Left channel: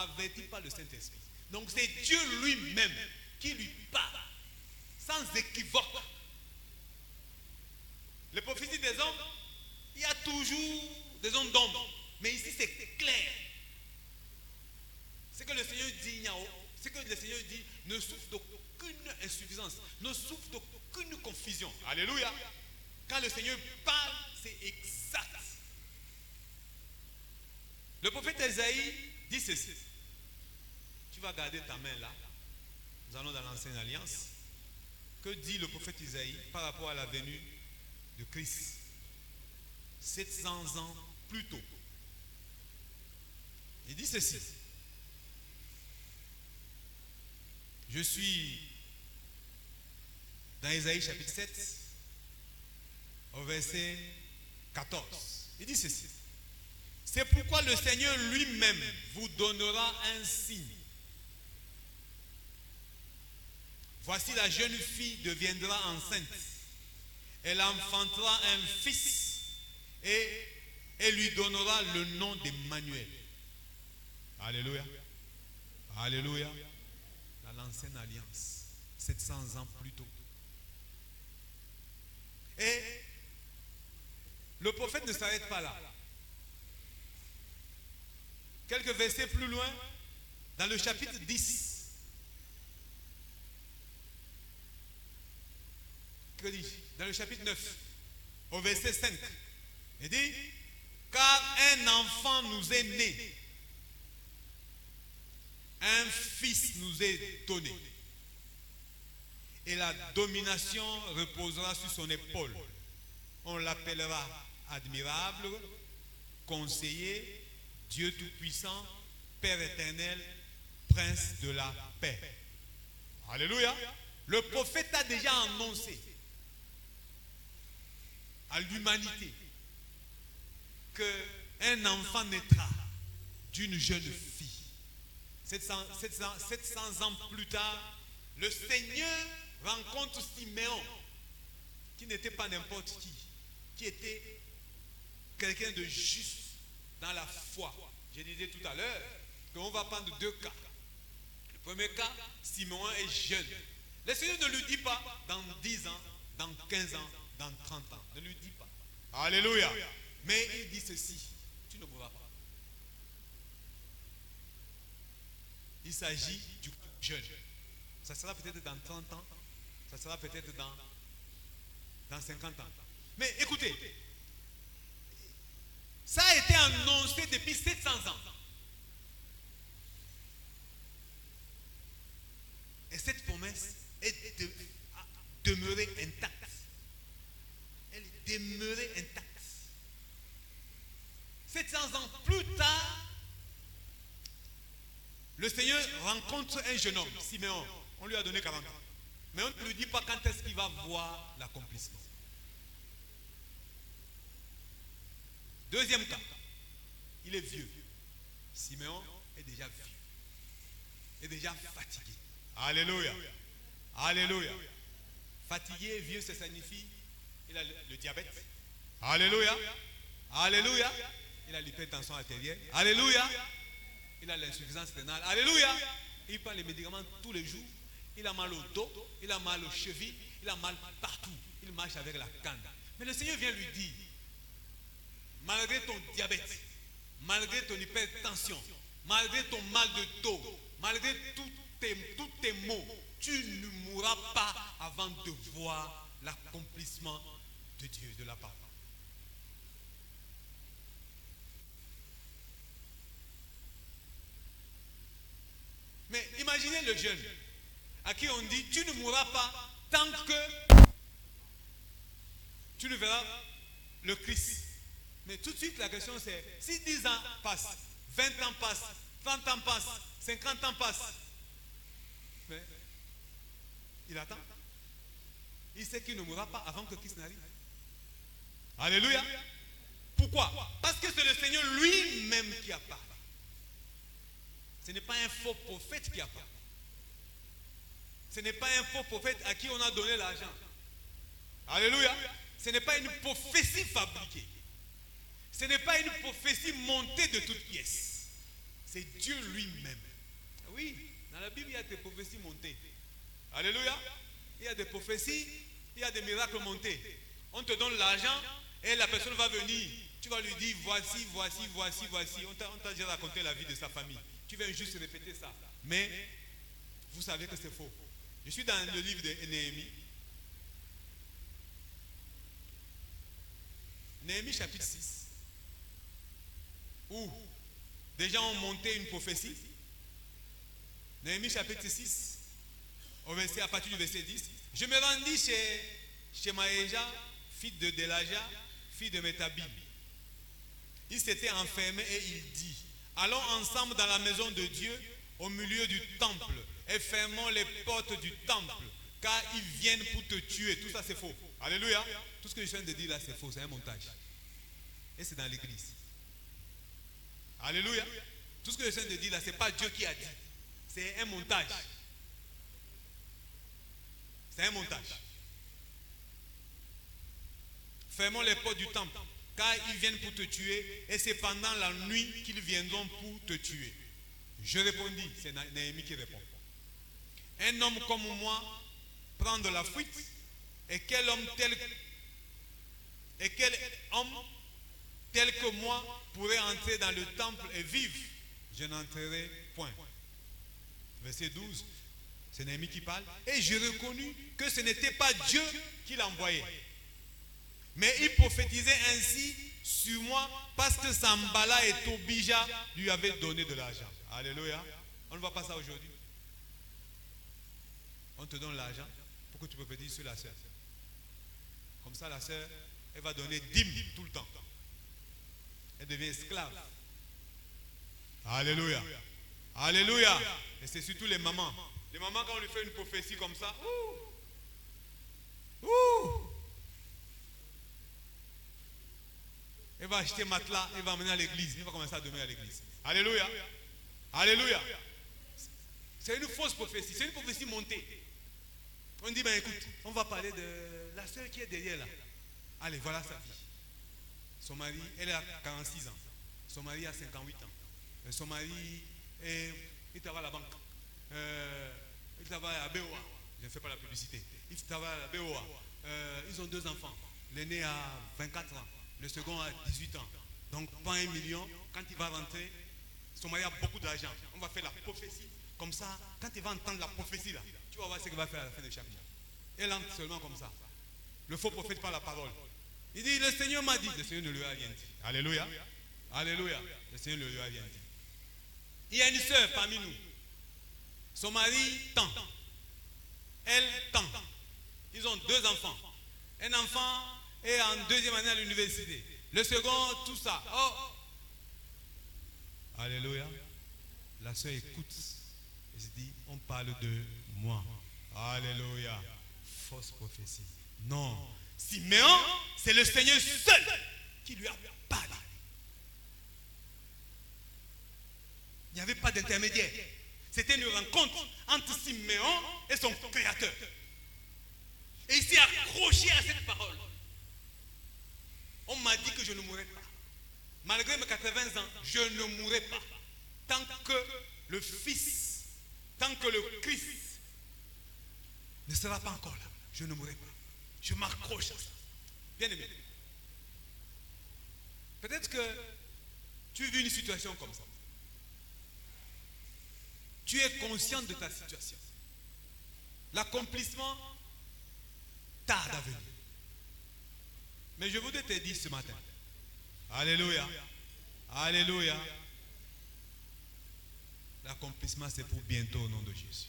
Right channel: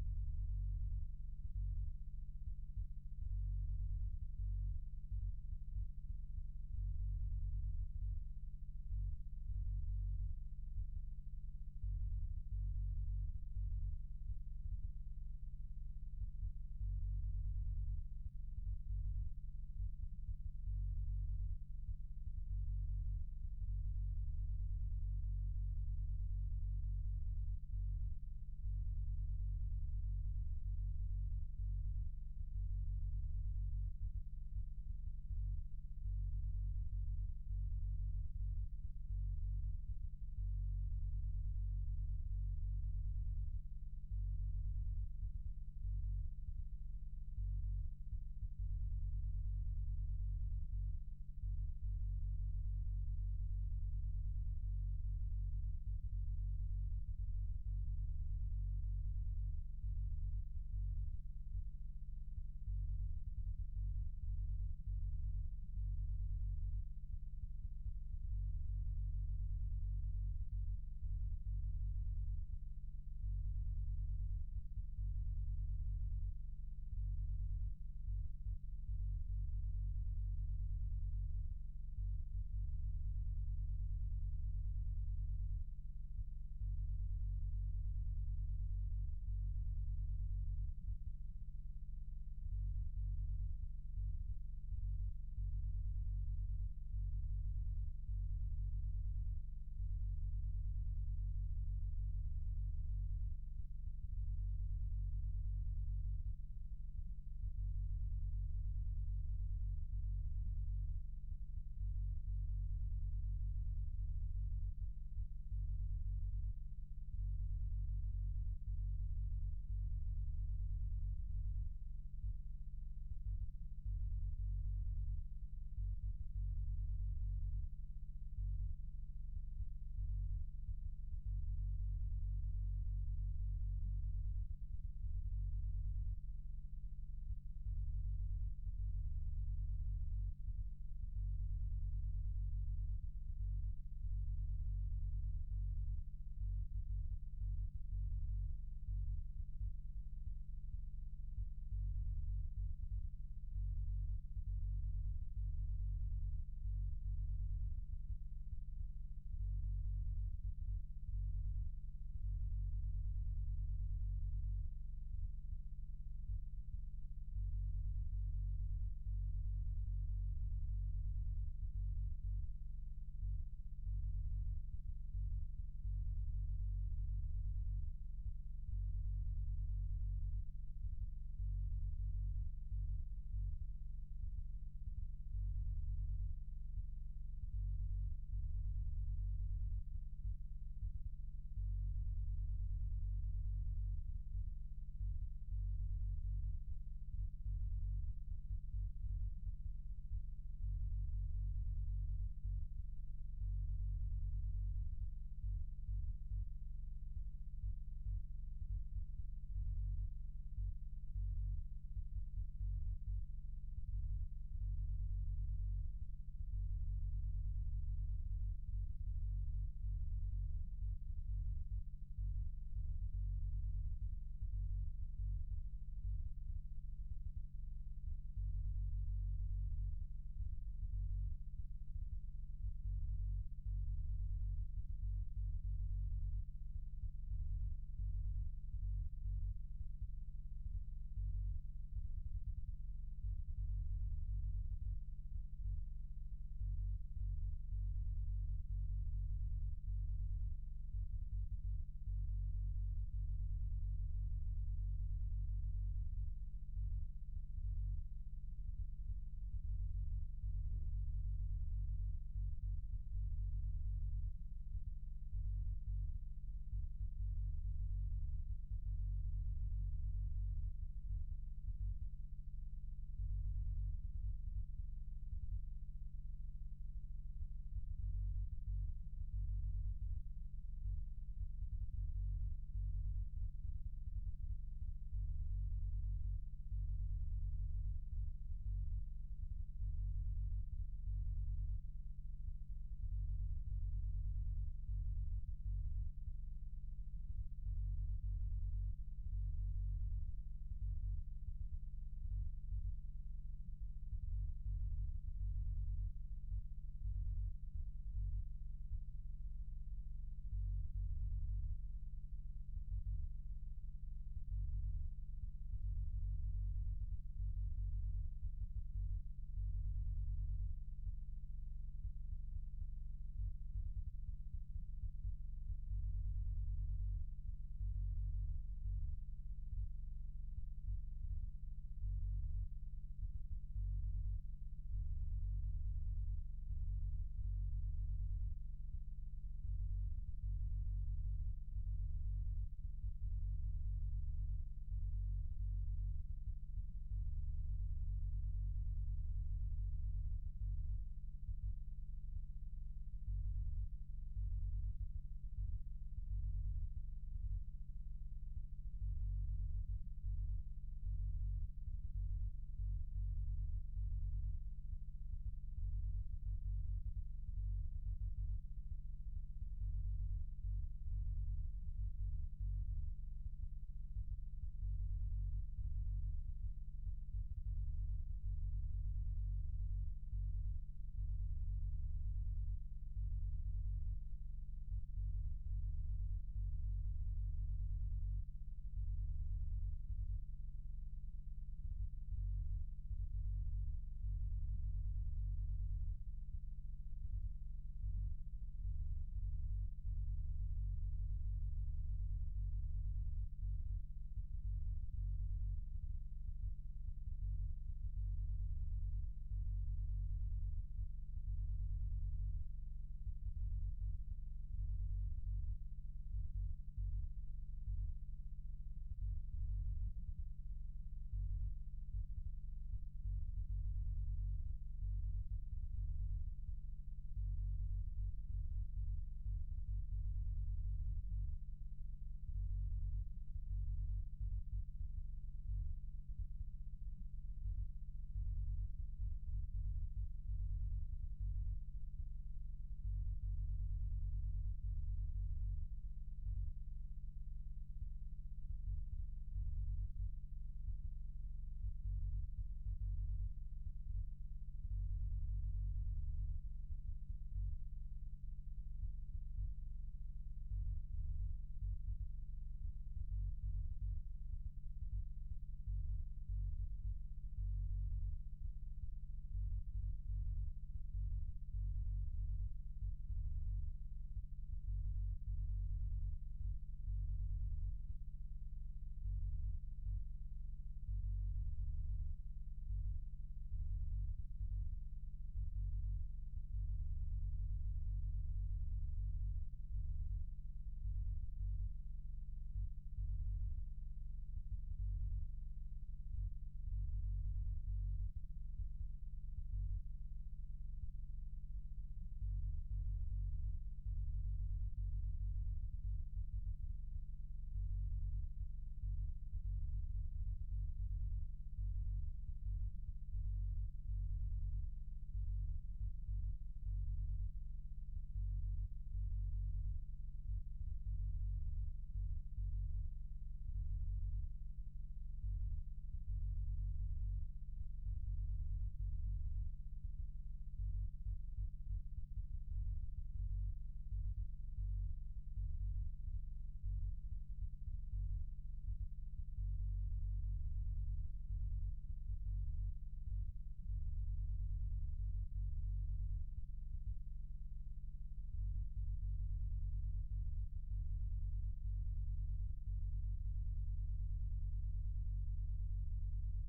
averti par le Saint-Esprit. Donc c'est Dieu lui-même qui lui parle, sans équivoque. Les prophéties des hommes, il y a toujours des hommes d'ombre. Mais ici c'est clair. Ce que le Seigneur dit, ne souffre d'aucune insuffisance, ne souffre d'aucune confusion. Alléluia. Quand le Seigneur parle, c'est exact. Le prophète Esaïe dit ceci. Tu vas garder ta main là. Nous allons dans l'ancienne alliance. Que dit le prophète Esaïe par rapport à la venue de Christ 700 ans plus tôt? Il dit ceci. Je suis dans Esaïe chapitre 7 au verset 14. Il dit ceci. C'est pourquoi le Seigneur lui-même vous donnera un signe. Voici la jeune fille deviendra enceinte. Elle enfantera un fils et elle lui donnera le nom d'Emmanuel. Alléluia. Alléluia. Dans l'ancienne alliance, 700 ans plus tôt. Et le prophète ne s'arrête pas là. Quelques versets plus loin, dans le chapitre 10. Que dis-je? Dans le chapitre 9, au verset 5. Il dit, car un enfant nous est né, un fils nous est donné, et la domination reposera sur son épaule. On l'appellera admirable, conseiller, Dieu tout-puissant, Père éternel, Prince de la paix. Alléluia. Le prophète a déjà annoncé à l'humanité qu'un enfant naîtra d'une jeune fille. 700 ans plus tard, le Seigneur rencontre Siméon, qui n'était pas n'importe qui était quelqu'un de juste dans la foi. Je disais tout à l'heure qu'on va prendre deux cas. Le premier cas, Siméon est jeune. Le Seigneur ne lui dit pas dans 10 ans, dans 15 ans, dans 30 ans. Ne lui dit pas. Alléluia. Mais il dit ceci, tu ne mourras pas. Il s'agit du jeune. Ça sera peut-être dans 30 ans, ça sera peut-être dans 50 ans. Mais écoutez, ça a été annoncé depuis 700 ans. Et cette promesse est demeurée intacte. Elle est demeurée intacte. 700 ans plus tard, le Seigneur rencontre un jeune homme, Siméon. On lui a donné 40 ans. Mais on ne lui dit pas quand est-ce qu'il va voir l'accomplissement. Deuxième cas, il est vieux. Siméon est déjà vieux. Est déjà fatigué. Alléluia. Alléluia. Fatigué, vieux, ça signifie il a le diabète. Alléluia. Alléluia. Il a l'hypertension artérielle. Alléluia. Il a l'insuffisance rénale. Alléluia. Il prend les médicaments tous les jours. Il a mal au dos. Il a mal aux chevilles. Il a mal partout. Il marche avec la canne. Mais le Seigneur vient lui dire, malgré ton diabète, malgré ton hypertension, malgré ton mal de dos, malgré tous tes maux, tu ne mourras pas avant de voir l'accomplissement de Dieu, de la parole. Mais imaginez le jeune à qui on dit, tu ne mourras pas tant que tu ne verras le Christ. Mais tout de suite, la question c'est, si 10 ans passent, 20 ans passent, 30 ans passent, 50 ans passent, mais il attend. Il sait qu'il ne mourra pas avant que Christ n'arrive. Alléluia. Pourquoi? Parce que c'est le Seigneur lui-même qui a parlé. Ce n'est pas un faux prophète qui a parlé. Ce n'est pas un faux prophète à qui on a donné l'argent. Alléluia. Ce n'est pas une prophétie fabriquée. Ce n'est pas une prophétie montée de toutes pièces. C'est Dieu lui-même prophéties, il y a des miracles montés. On te donne l'argent et la personne va venir. Tu vas lui dire voici. On t'a déjà raconté la vie de sa famille. Tu viens juste répéter ça. Mais vous savez que c'est faux. Je suis dans le livre de Néhémie. Néhémie chapitre 6. Où des gens ont monté une prophétie. Néhémie chapitre 6. À partir du verset 10. Je me rendis chez Maëja, fille de Delaja, fille de Métabib. Il s'était enfermé et il dit, allons ensemble dans la maison de Dieu au milieu du temple et fermons les portes du temple car ils viennent pour te tuer. Tout ça c'est faux. Alléluia. Tout ce que je viens de dire là c'est faux, c'est un montage. Et c'est dans l'église. Alléluia. Tout ce que je viens de dire là c'est pas Dieu qui a dit. C'est un montage. C'est un montage. Fermons les portes du temple car ils viennent pour te tuer et c'est pendant la nuit qu'ils viendront pour te tuer. Je répondis, c'est Néhémie qui répond. Un homme comme moi prend de la fuite et quel homme tel que moi pourrait entrer dans le temple et vivre? Je n'entrerai point. Verset 12, c'est Néhémie qui parle. Et je reconnus que ce n'était pas Dieu qui l'envoyait. Mais il prophétisait ainsi sur moi parce que Sambala et Tobija lui avaient donné de l'argent. Alléluia. On ne voit pas ça aujourd'hui. On te donne l'argent pour que tu prophétises sur la sœur. Comme ça, la sœur, elle va donner dîme tout le temps. Elle devient esclave. Alléluia. Alléluia. Et c'est surtout les mamans. Les mamans, quand on lui fait une prophétie comme ça, elle va acheter matelas, elle va emmener à l'église. Elle va commencer à dormir à l'église. Alléluia. Alléluia. C'est une fausse prophétie. C'est une prophétie montée. On dit, ben écoute, on va parler de la sœur qui est derrière là. Allez, voilà sa fille. Son mari, elle a 46 ans. Son mari a 58 ans. Son mari, il travaille à la banque. Il travaille à BOA. Je ne fais pas la publicité. Il travaille à la BOA. Ils ont 2 enfants. L'aîné a 24 ans. Le second a 18 ans. Donc, pas 1 million. Quand il va rentrer, son mari a beaucoup d'argent. On va faire la prophétie. Comme ça, quand il va entendre la prophétie là, tu vas voir ce qu'il va faire à la fin de chaque jour. Elle entre seulement comme ça. Le faux prophète par la parole. Il dit, le Seigneur m'a dit. Le Seigneur ne lui a rien dit. Alléluia. Alléluia. Le Seigneur ne lui a rien dit. Il y a une sœur parmi nous. Son mari tend. Elle tend. Ils ont 2 enfants. Un enfant est en 2e année à l'université. Le second, tout ça. Oh. Alléluia. La sœur écoute. Elle se dit, on parle de moi. Alléluia. Fausse prophétie. Non. Siméon, c'est le Seigneur seul qui lui a parlé. Il n'y avait pas d'intermédiaire. C'était une rencontre entre Siméon et son Créateur. Et il s'est accroché à cette parole. On m'a dit que je ne mourrais pas. Malgré mes 80 ans, je ne mourrai pas. Tant que le Fils, tant que le Christ ne sera pas encore là, je ne mourrai pas. Je m'accroche à ça. Bien aimé. Peut-être que tu vis une situation comme ça. Tu es conscient de ta situation. L'accomplissement tarde à venir. Mais je voudrais te dire ce matin. Alléluia. Alléluia. L'accomplissement c'est pour bientôt au nom de Jésus.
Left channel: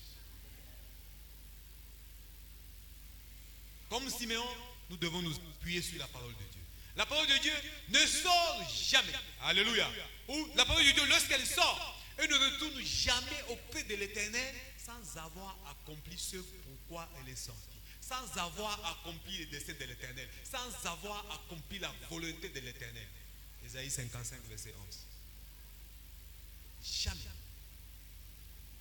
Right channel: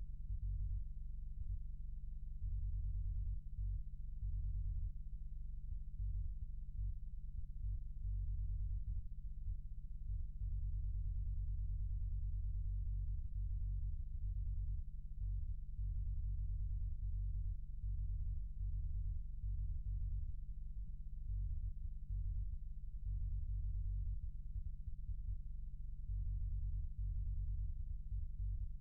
Comme Siméon, nous devons nous appuyer sur la parole de Dieu. La parole de Dieu ne sort jamais. Alléluia. Ou la parole de Dieu, lorsqu'elle sort, elle ne retourne jamais auprès de l'Éternel sans avoir accompli ce pourquoi elle est sortie. Sans avoir accompli les desseins de l'Éternel. Sans avoir accompli la volonté de l'Éternel. Ésaïe 55, verset 11. Jamais.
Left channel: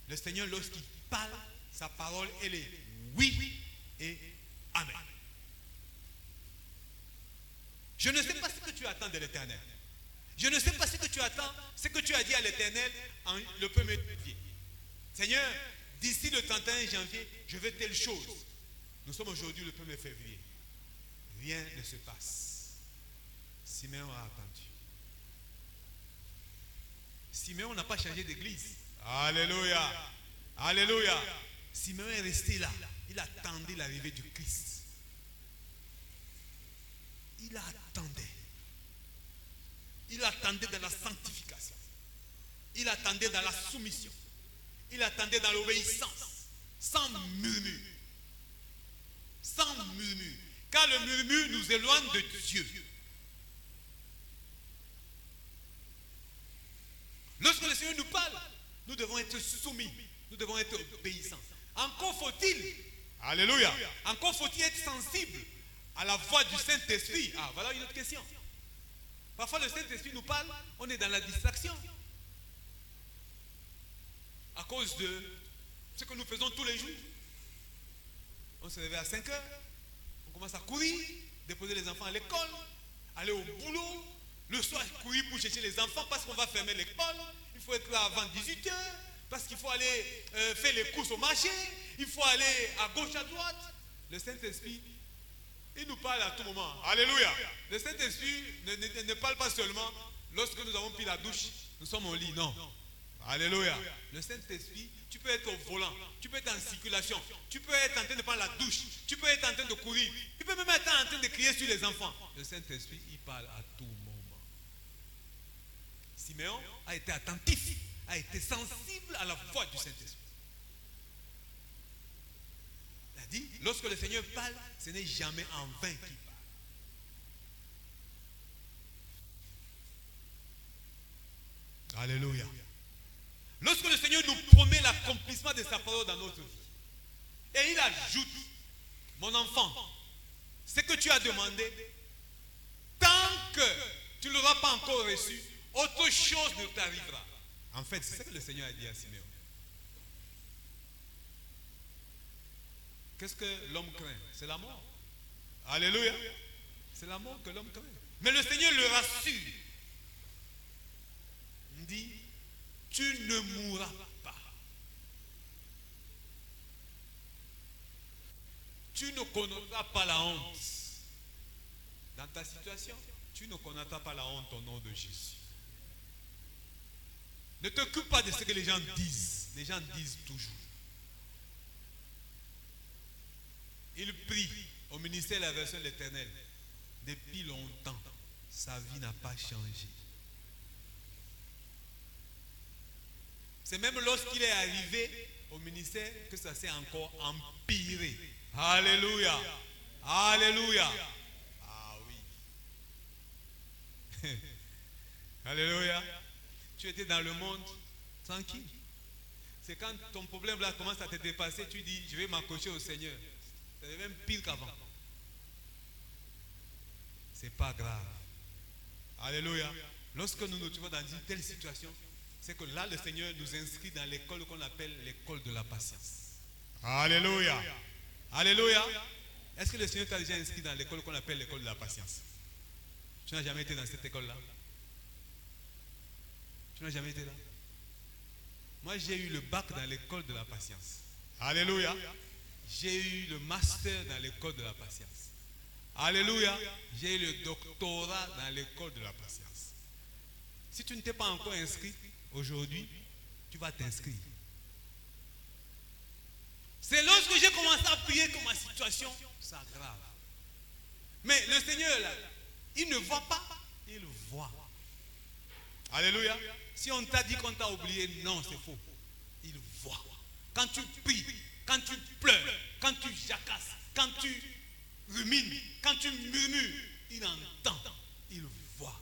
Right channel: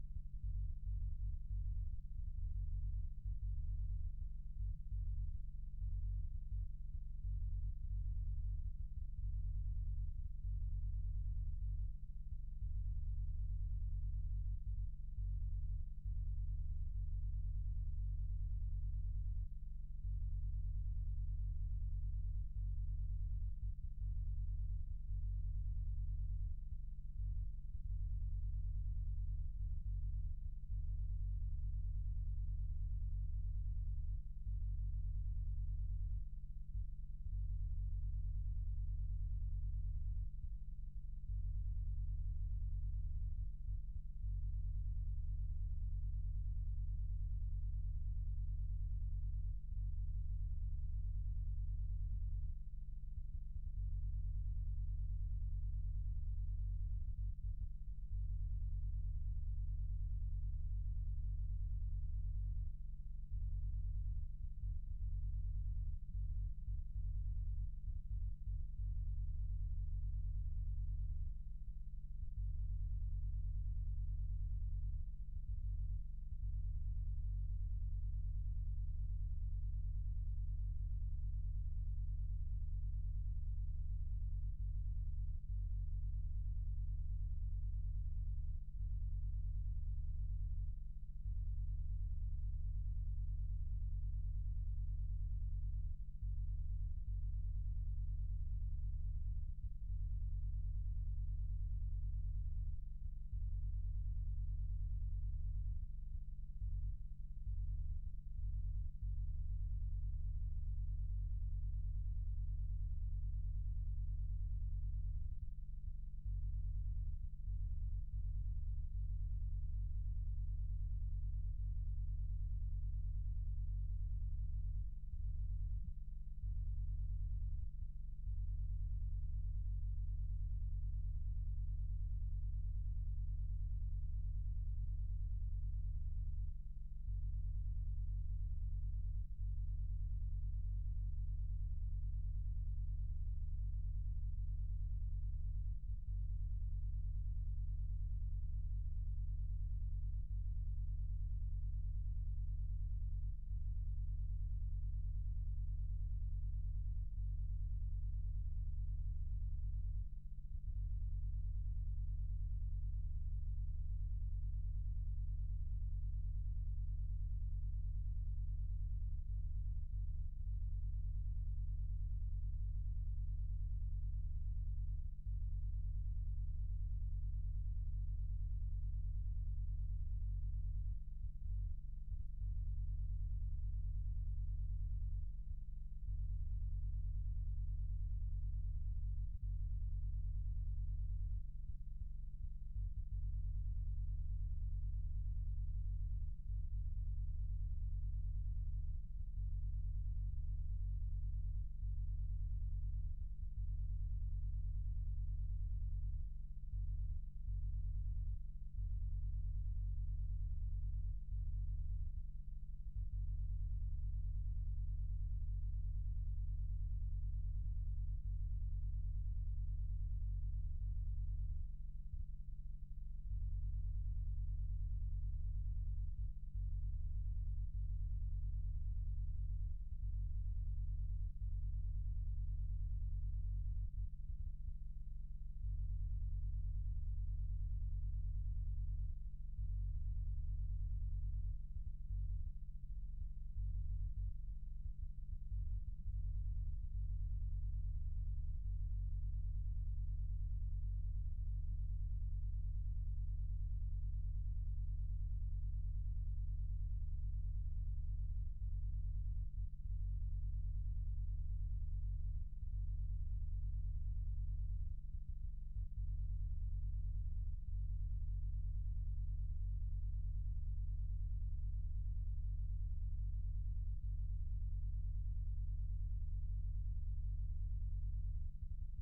Le Seigneur, lorsqu'il parle, sa parole, elle est oui et amen. Je ne sais pas ce que tu attends de l'Éternel. Je ne sais pas ce que tu attends, ce que tu as dit à l'Éternel le 1er janvier. Seigneur, d'ici le 31 janvier, je veux telle chose. Nous sommes aujourd'hui le 1er février. Rien ne se passe. Simeon a attendu. Simeon n'a pas changé d'église. Alléluia. Alléluia. Simeon est resté là. Il attendait l'arrivée du Christ. Il attendait. Il attendait dans la sanctification. Il attendait dans la soumission. Il attendait dans l'obéissance. Sans murmure. Sans murmure. Car le murmure nous éloigne de Dieu. Lorsque le Seigneur nous parle, nous devons être soumis. Nous devons être obéissants. Encore faut-il, alléluia, encore faut-il être sensible à la voix du Saint-Esprit. Ah, voilà une autre question. Parfois le Saint-Esprit nous parle, on est dans la distraction. À cause de ce que nous faisons tous les jours. On se réveille à 5 heures, on commence à courir, déposer les enfants à l'école, aller au boulot, le soir courir pour chercher les enfants parce qu'on va fermer l'école. Il faut être là avant 18 heures parce qu'il faut aller faire les courses au marché, il faut aller à gauche, à droite. Le Saint-Esprit, il nous parle à tout moment. Alléluia. Le Saint-Esprit ne parle pas seulement lorsque nous avons pris la douche, nous sommes au lit, non. Alléluia. Le Saint-Esprit, tu peux être au volant, tu peux être en circulation, tu peux être en train de prendre la douche, tu peux être en train de courir, tu peux même être en train de crier sur les enfants. Le Saint-Esprit, il parle à tout moment. Simeon a été attentif, a été sensible à la voix du Saint-Esprit. Il a dit, lorsque le Seigneur parle, ce n'est jamais en vain qu'il parle. Alléluia. Lorsque le Seigneur nous promet l'accomplissement de sa parole dans notre vie, et il ajoute, mon enfant, ce que tu as demandé, tant que tu ne l'auras pas encore reçu, autre chose ne t'arrivera. En fait, c'est ce que le Seigneur a dit à Simeon. Qu'est-ce que l'homme craint? C'est la mort. Alléluia. C'est la mort que l'homme craint. Mais le Seigneur le rassure. Il dit, tu ne mourras pas. Tu ne connaîtras pas la honte. Dans ta situation, tu ne connaîtras pas la honte au nom de Jésus. Ne t'occupe pas de ce que les gens disent. Les gens disent toujours. Il prie au ministère de la version de l'Éternel. Depuis longtemps, sa vie n'a pas changé. C'est même lorsqu'il est arrivé au ministère que ça s'est encore empiré. Alléluia. Alléluia. Ah oui. Alléluia. Tu étais dans le monde tranquille. C'est quand ton problème là commence à te dépasser, tu dis, je vais m'accrocher au Seigneur. C'est même pire qu'avant. C'est pas grave. Alléluia. Lorsque nous nous trouvons dans une telle situation, c'est que là, le Seigneur nous inscrit dans l'école qu'on appelle l'école de la patience. Alléluia. Alléluia. Est-ce que le Seigneur t'a déjà inscrit dans l'école qu'on appelle l'école de la patience? Tu n'as jamais été dans cette école-là? Tu n'as jamais été là? Moi, j'ai eu le bac dans l'école de la patience. Alléluia. J'ai eu le master dans l'école de la patience. Alléluia. J'ai eu le doctorat dans l'école de la patience. Si tu ne t'es pas encore inscrit, aujourd'hui, tu vas t'inscrire. C'est lorsque j'ai commencé à prier que ma situation s'aggrave. Mais le Seigneur, là, il ne voit pas, il voit. Alléluia. Si on t'a dit qu'on t'a oublié, non, c'est faux. Il voit. Quand tu pries, quand tu pleures, quand tu jacasses, quand tu rumines, quand tu murmures, il entend, il voit.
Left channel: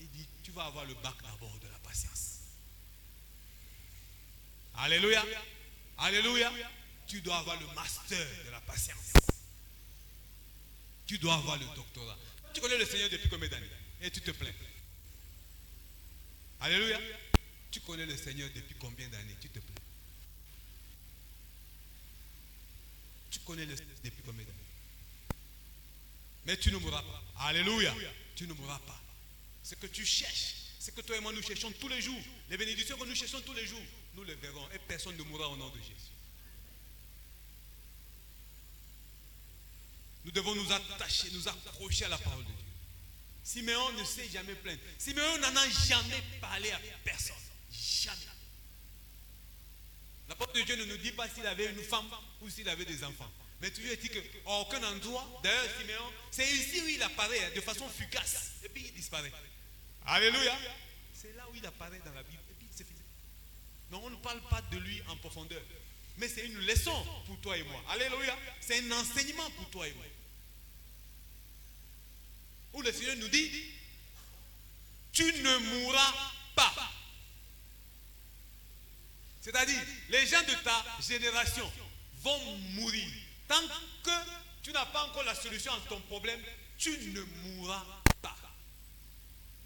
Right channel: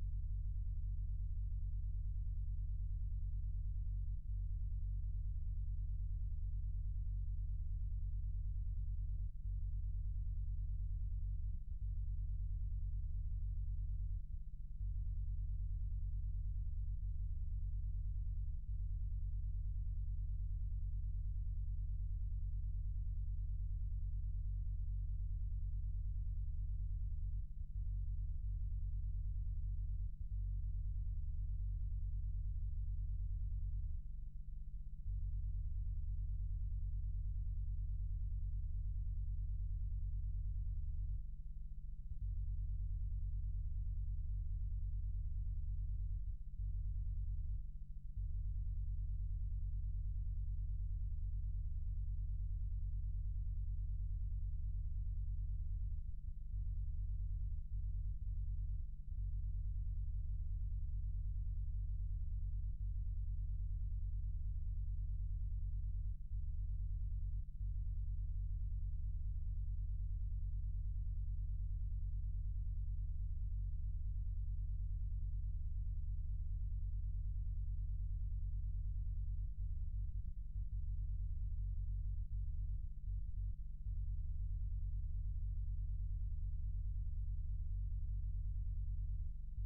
Il dit, tu vas avoir le bac d'abord de la patience. Alléluia. Alléluia. Tu dois avoir le master de la patience. Tu dois avoir le doctorat. Tu connais le Seigneur depuis combien d'années? Et tu te plains. Alléluia. Tu connais le Seigneur depuis combien d'années? Tu te plains. Tu connais le Seigneur depuis combien d'années? Mais tu ne mourras pas. Alléluia. Tu ne mourras pas. Ce que tu cherches, ce que toi et moi nous cherchons tous les jours, les bénédictions que nous cherchons tous les jours, nous les verrons et personne ne mourra au nom de Jésus. Nous devons nous attacher, nous accrocher à la parole de Dieu. Siméon ne s'est jamais plaint. Siméon n'en a jamais parlé à personne. Jamais. La parole de Dieu ne nous dit pas s'il avait une femme ou s'il avait des enfants. Mais toujours dit qu'à aucun endroit, d'ailleurs Siméon, c'est ici où il apparaît de façon fugace. Et puis il disparaît. Alléluia. C'est là où il apparaît dans la Bible. Et puis c'est fini. Donc on ne parle pas de lui en profondeur. Mais c'est une leçon pour toi et moi. Alléluia. C'est un enseignement pour toi et moi. Où le Seigneur nous dit, tu ne mourras pas. C'est-à-dire, les gens de ta génération vont mourir. Tant que tu n'as pas encore la solution à ton problème, tu ne mourras pas.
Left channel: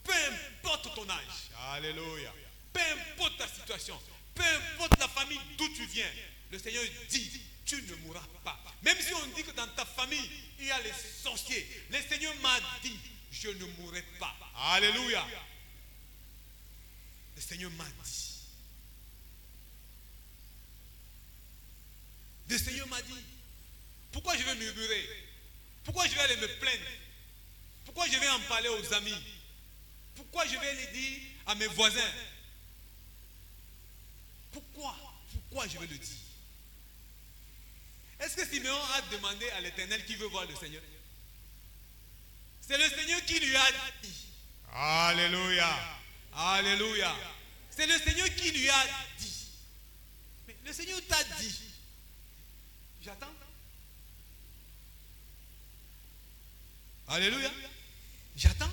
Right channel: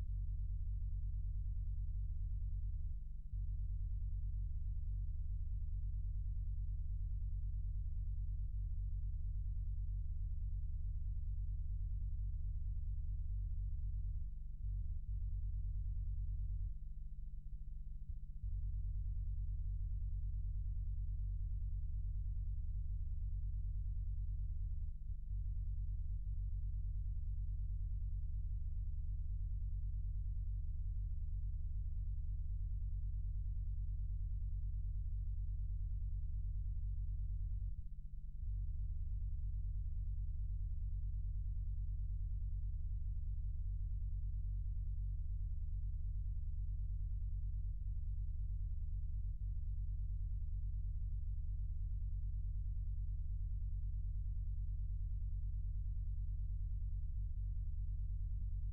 Peu importe ton âge. Alléluia. Peu importe ta situation. Peu importe la famille d'où tu viens. Le Seigneur dit, tu ne mourras pas. Même si on dit que dans ta famille, il y a les sorciers. Le Seigneur m'a dit, je ne mourrai pas. Alléluia. Le Seigneur m'a dit. Le Seigneur m'a dit, pourquoi je vais murmurer? Pourquoi je vais aller me plaindre? Pourquoi je vais en parler aux amis? Pourquoi je vais les dire à mes voisins? Pourquoi je vais le dire? Est-ce que Siméon a demandé à l'Éternel qui veut voir le Seigneur? C'est le Seigneur qui lui a dit. Alléluia. Alléluia. C'est le Seigneur qui lui a dit. Mais le Seigneur t'a dit. J'attends. Alléluia. J'attends.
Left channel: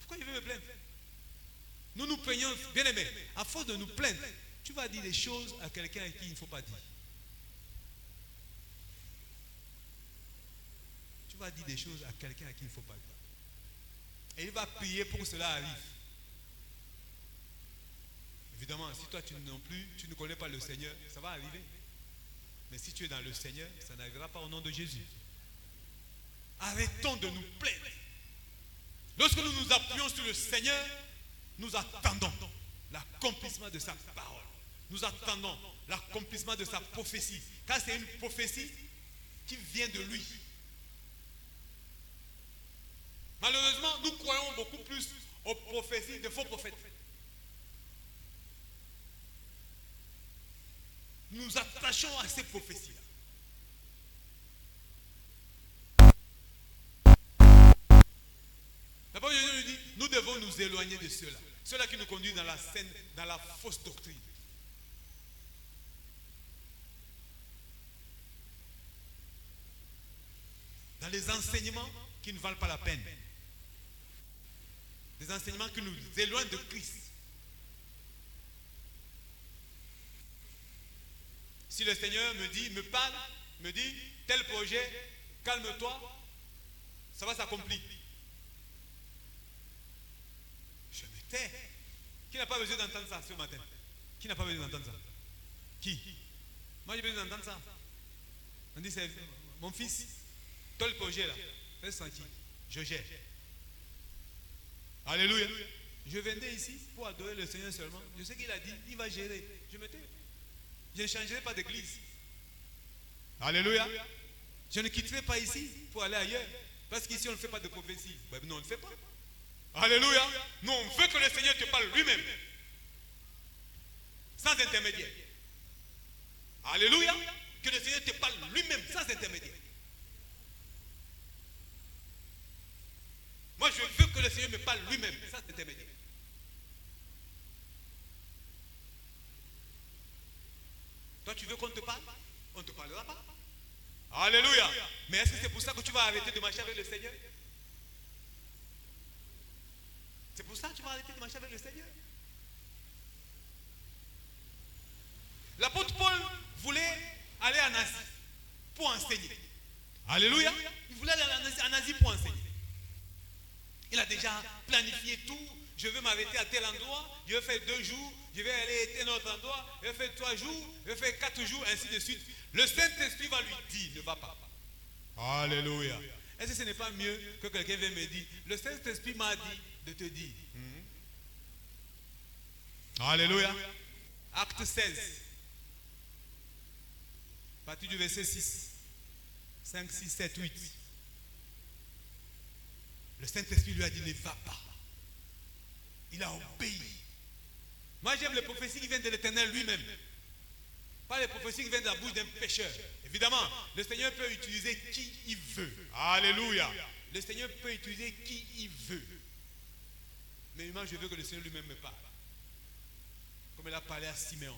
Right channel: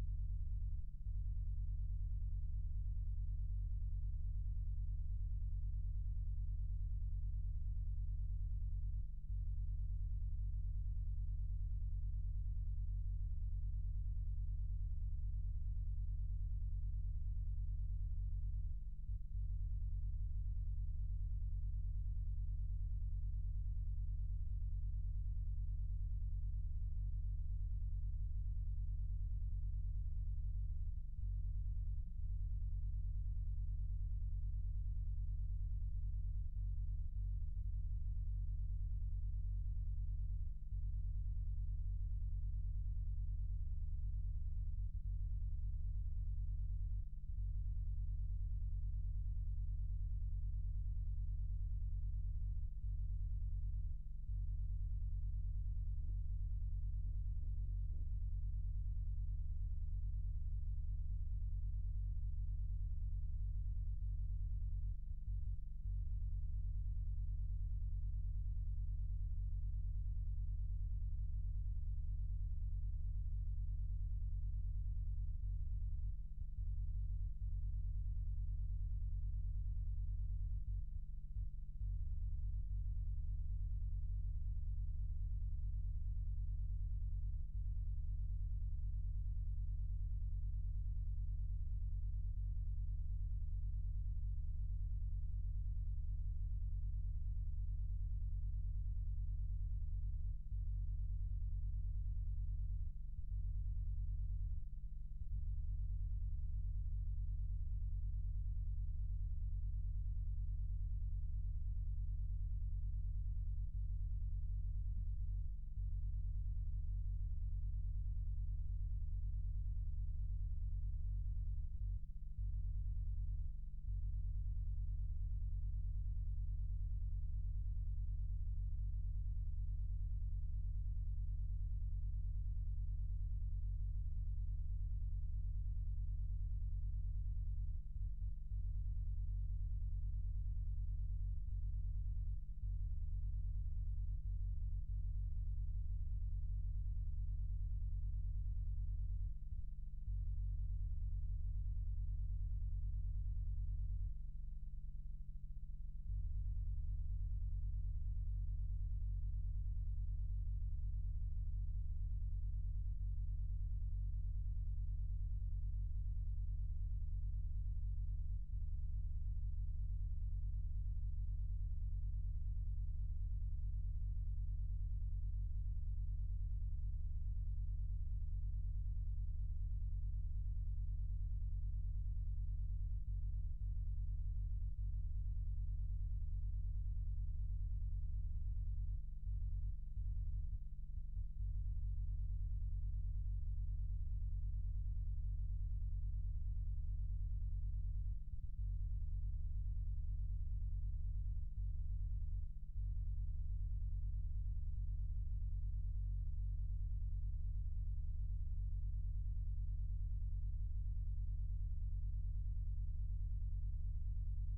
Pourquoi je vais me plaindre? Nous nous plaignons, bien aimé. À force de nous plaindre, tu vas dire des choses à quelqu'un à qui il ne faut pas dire. Tu vas dire des choses à quelqu'un à qui il ne faut pas dire. Et il va prier pour que cela arrive. Évidemment, si toi non plus, tu ne connais pas le Seigneur, ça va arriver. Mais si tu es dans le Seigneur, ça n'arrivera pas au nom de Jésus. Arrêtons de nous plaindre. Lorsque nous nous appuyons sur le Seigneur, nous attendons l'accomplissement de sa parole. Nous attendons l'accomplissement de sa prophétie. Car c'est une prophétie qui vient de lui. Malheureusement, nous croyons beaucoup plus aux prophéties de faux prophètes. Nous nous attachons à ces prophéties-là. La parole de Dieu nous dit, nous devons nous éloigner de ceux-là. Ceux-là qui nous conduisent dans la fausse doctrine. Dans les enseignements qui ne valent pas la peine. Des enseignements qui nous éloignent de Christ. Si le Seigneur me parle, me dit, tel projet, calme-toi, ça va s'accomplir. Je me tais. Qui n'a pas besoin d'entendre ça ce matin? Qui n'a pas besoin d'entendre ça? Qui? Moi j'ai besoin d'entendre ça. On dit, c'est mon fils, tel projet là, fais sentir, je gère. Alléluia. Je venais ici pour adorer le Seigneur seulement. Je sais qu'il a dit, il va gérer. Je me tais. Je ne changerai pas d'église. Alléluia. Je ne quitterai pas ici pour aller ailleurs. Parce qu'ici on ne fait pas de prophétie. Ben, non, on ne fait pas. Alléluia. Nous on veut que le Seigneur te parle lui-même. Sans intermédiaire. Alléluia. Que le Seigneur te parle lui-même sans intermédiaire. Moi je veux que le Seigneur me parle lui-même sans intermédiaire. Toi tu veux qu'on te parle? On ne te parlera pas. Alléluia. Mais est-ce que c'est pour ça que tu vas arrêter de marcher avec le Seigneur? C'est pour ça que tu vas arrêter de marcher avec le Seigneur. L'apôtre Paul voulait aller en Asie pour enseigner. Alléluia. Il voulait aller en Asie pour enseigner. Il a déjà planifié tout. Je vais m'arrêter à tel endroit. Je vais faire 2 jours. Je vais aller à un autre endroit. Je vais faire 3 jours. Je vais faire 4 jours, ainsi de suite. Le Saint-Esprit va lui dire, ne va pas. Alléluia. Est-ce que ce n'est pas mieux que quelqu'un vienne me dire, le Saint-Esprit m'a dit de te dire. Alléluia. Acte 16. À partir du verset 6. 5, 6, 7, 8. Le Saint-Esprit lui a dit ne va pas. Il a obéi. Moi j'aime les prophéties qui viennent de l'Éternel lui-même. Pas les prophéties qui viennent de la bouche d'un pécheur. Évidemment, le Seigneur peut utiliser qui il veut. Alléluia. Le Seigneur peut utiliser qui il veut. Mais moi je veux que le Seigneur lui-même me parle. Comme il a parlé à Siméon.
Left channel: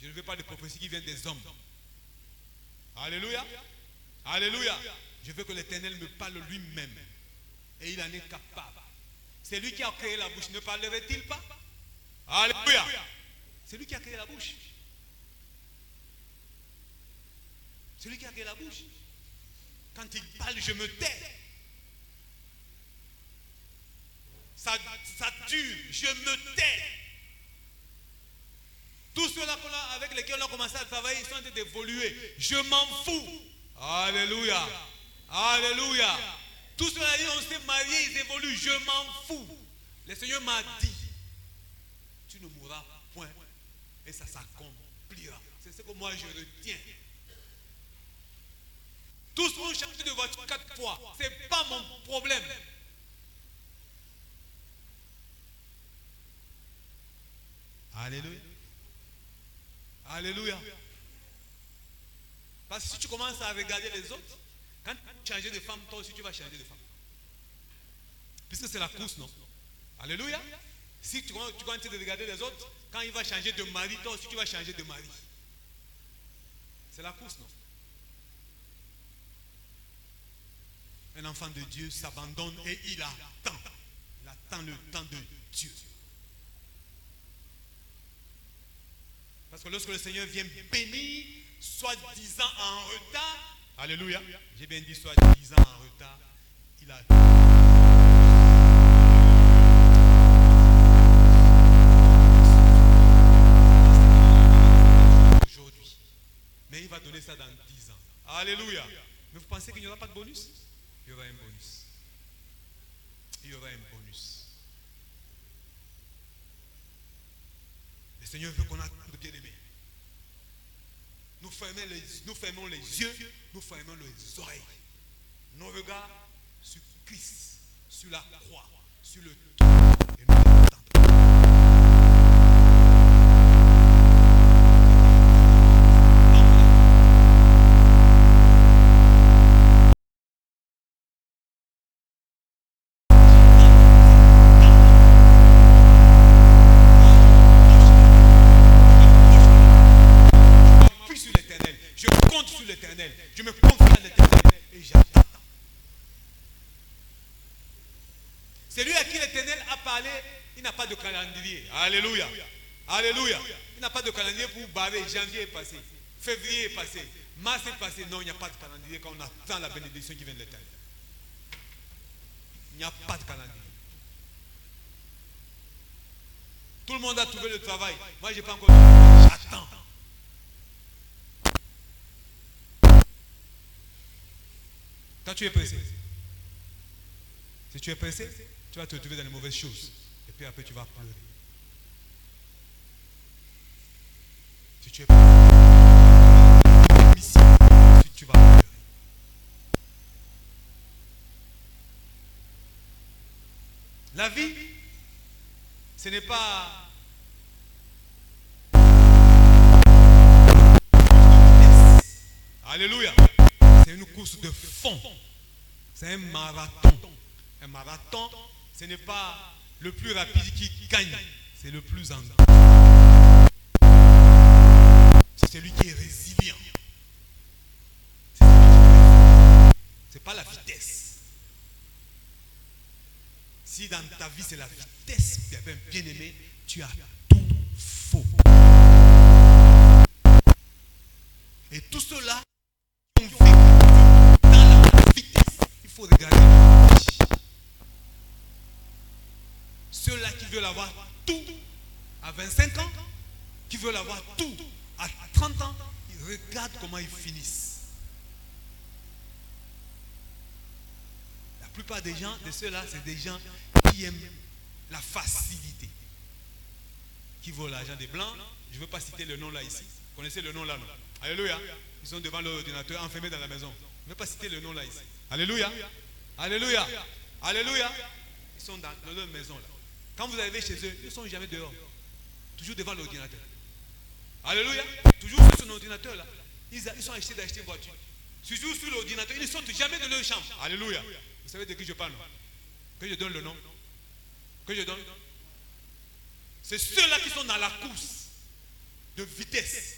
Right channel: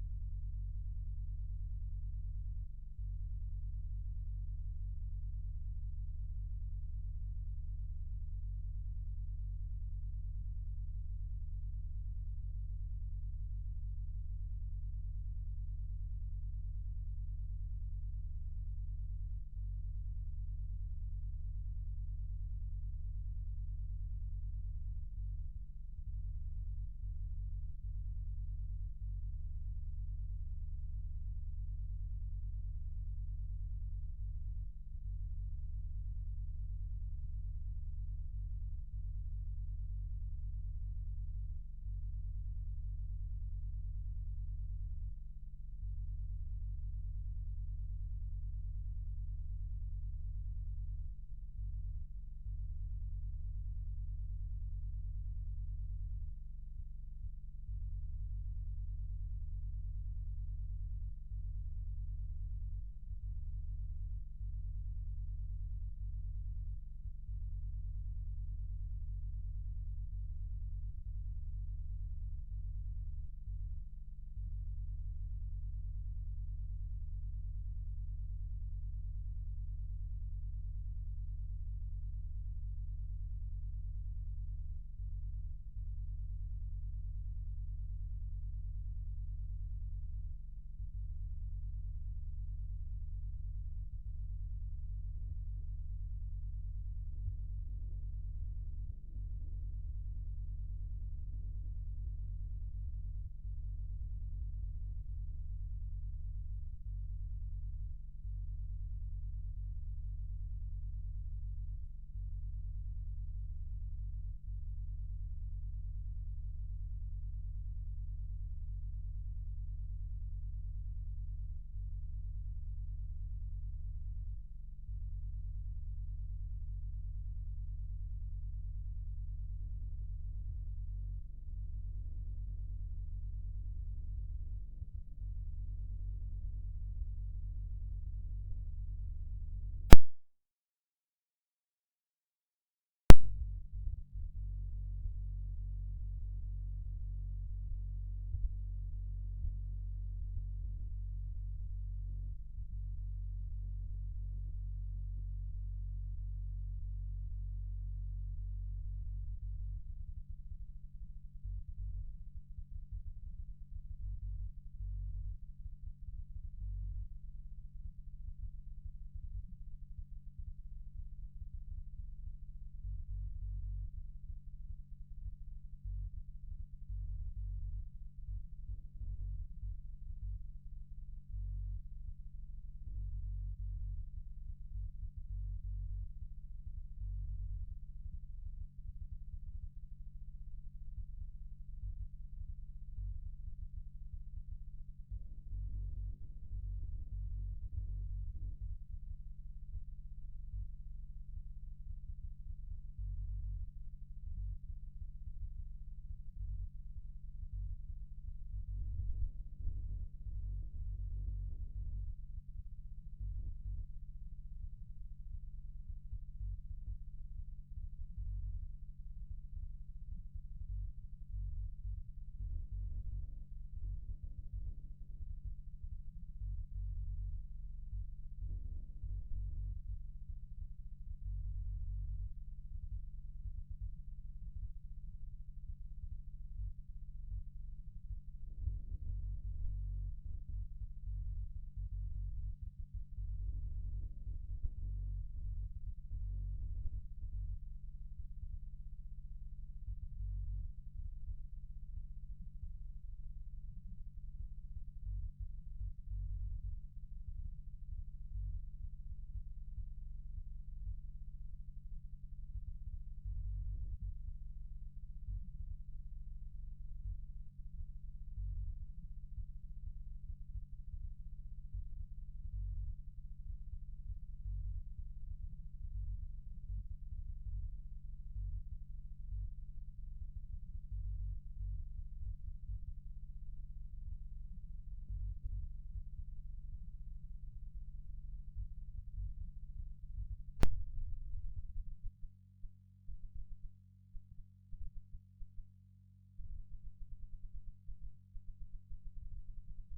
Je ne veux pas de prophéties qui viennent des hommes. Alléluia. Alléluia. Je veux que l'Éternel me parle lui-même. Et il en est capable. C'est lui qui a créé la bouche. Ne parlerait-il pas? Alléluia. C'est lui qui a créé la bouche. C'est lui qui a créé la bouche. Quand il parle, je me tais. Ça dure, je me tais. Tous ceux-là avec lesquels on a commencé à travailler, ils sont en train d'évoluer. Je m'en fous. Alléluia. Alléluia. Tous ceux-là, on s'est mariés, ils évoluent. Je m'en fous. Le Seigneur m'a dit, tu ne mourras point. Et ça s'accomplira. C'est ce que moi je retiens. Tous ont changé de voiture 4 fois. Ce n'est pas mon problème. Alléluia. Alléluia. Parce que si tu commences à regarder les autres, quand tu changes de femme, toi aussi tu vas changer de femme. Puisque c'est la course, non? Alléluia. Si tu continues de regarder les autres, quand il va changer de mari, toi aussi tu vas changer de mari. C'est la course, non? Un enfant de Dieu s'abandonne et il attend. Il attend le temps de Dieu. Parce que lorsque le Seigneur vient bénir, soi-disant en retard, alléluia, j'ai bien dit soi-disant en retard, il a aujourd'hui. Mais il va donner ça dans 10 ans. Alléluia. Mais vous pensez qu'il n'y aura pas de bonus? Il y aura un bonus. Il y aura un bonus. Le Seigneur veut qu'on a de bien-aimés. Nous fermons les yeux, nous fermons les oreilles. Nos regards sur Christ, sur la croix, sur le tout. Et nous attendons. Je me confie à l'Éternel et j'attends. C'est lui à qui l'Éternel a parlé, il n'a pas de calendrier. Alléluia. Alléluia. Il n'a pas de calendrier pour barrer. Janvier est passé, février est passé, mars est passé. Non, il n'y a pas de calendrier quand on attend la bénédiction qui vient de l'Éternel. Il n'y a pas de calendrier. Tout le monde a trouvé le travail. Moi, je n'ai pas encore. J'attends. Quand tu es pressé, si tu es pressé, tu vas te retrouver dans les mauvaises choses. Et puis après, tu vas pleurer. Si tu es pressé, tu vas pleurer. La vie, ce n'est pas alléluia. C'est une course de fond. C'est un marathon. Un marathon, ce n'est pas le plus rapide qui gagne. C'est le plus endurant. C'est celui qui est résilient. C'est pas la vitesse. Si dans ta vie c'est la vitesse, bien aimé, tu as tout faux. Et tout cela, on vit dans la vitesse. Il faut regarder. Ceux-là qui veulent avoir tout à 25 ans, qui veulent avoir tout à 30 ans, ils regardent comment ils finissent. La plupart des gens, de ceux-là, c'est des gens qui aiment la facilité, qui veulent l'argent des blancs. Je ne veux pas citer le nom là ici. Vous connaissez le nom là, non? Alléluia. Ils sont devant l'ordinateur, enfermés dans la maison. Je ne vais pas citer le nom là ici. Alléluia. Alléluia. Alléluia. Ils sont dans leur maison là. Quand vous arrivez chez eux, ils ne sont jamais dehors. Toujours devant l'ordinateur. Alléluia. Toujours sur son ordinateur là. Ils sont achetés d'acheter une voiture. Toujours sur l'ordinateur. Ils ne sortent jamais de leur chambre. Alléluia. Vous savez de qui je parle? Que je donne le nom. Que je donne. C'est ceux-là qui sont dans la course de vitesse.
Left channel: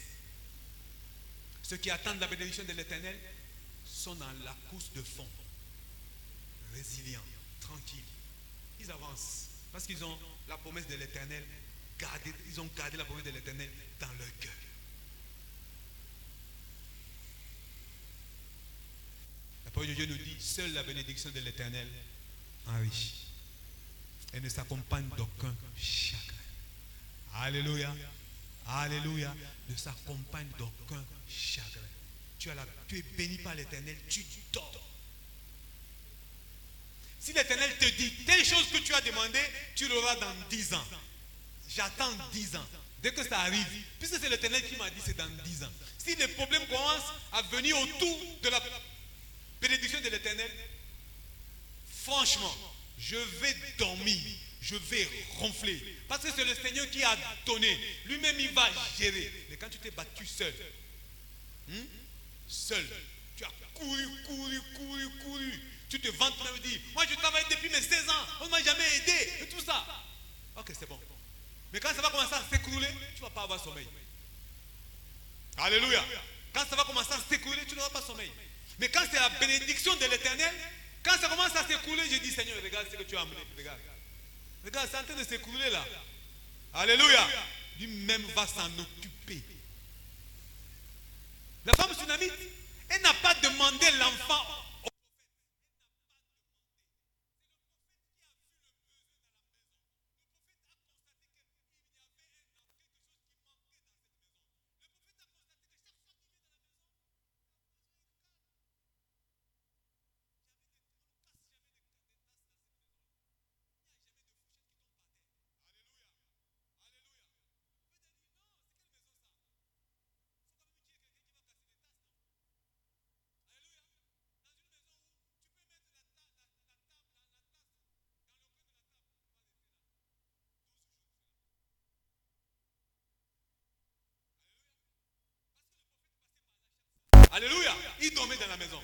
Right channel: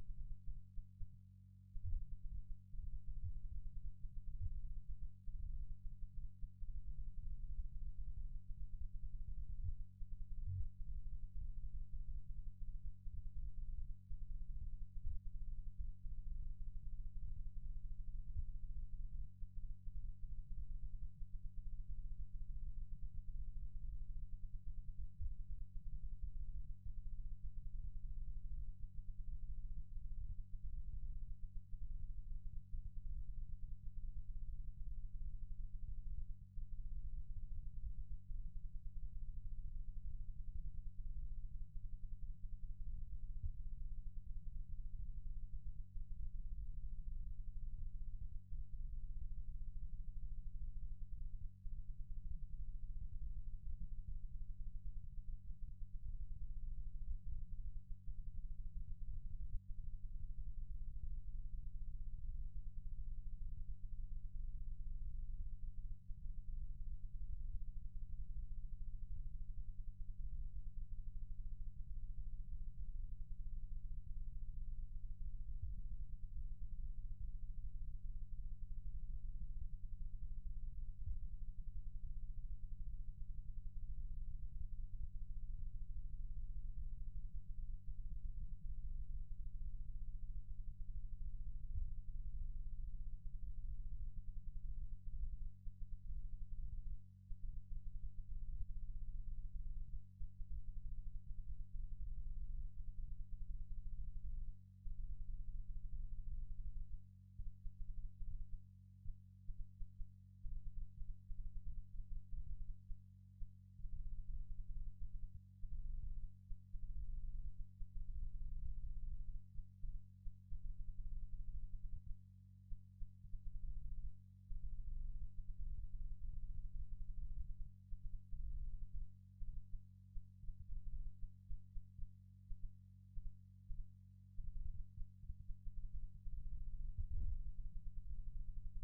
Ceux qui attendent la bénédiction de l'Éternel sont dans la course de fond. Résilients, tranquilles. Ils avancent parce qu'ils ont la promesse de l'Éternel. Ils ont gardé la promesse de l'Éternel dans leur cœur. La parole de Dieu nous dit, seule la bénédiction de l'Éternel enrichit. Elle ne s'accompagne d'aucun chagrin. Alléluia. Alléluia. Ne s'accompagne d'aucun chagrin. Tu es béni par l'Éternel, tu dors. Si l'Éternel te dit telle chose que tu as demandé, tu l'auras dans 10 ans. J'attends 10 ans. Dès que ça arrive, puisque c'est l'Éternel qui m'a dit c'est dans 10 ans. Si les problèmes commencent à venir autour de la bénédiction de l'Éternel, franchement, je vais dormir, je vais ronfler. Parce que c'est le Seigneur qui a donné. Lui-même, il va gérer. Mais quand tu t'es battu seul, seul, tu as couru. Tu te vantes même et dis, moi je travaille depuis mes 16 ans, on ne m'a jamais aidé, et tout ça. Ok, c'est bon. Mais quand ça va commencer à s'écrouler, tu ne vas pas avoir sommeil. Alléluia. Quand ça va commencer à s'écrouler, tu n'auras pas sommeil. Mais quand c'est la bénédiction de l'Éternel, quand ça commence à s'écrouler, je dis, Seigneur, regarde ce que tu as amené. Regarde, c'est en train de s'écrouler là. Alléluia. Lui-même va s'en occuper. La femme tsunamite, elle n'a pas demandé l'enfant. Alléluia. Il dormait dans la maison.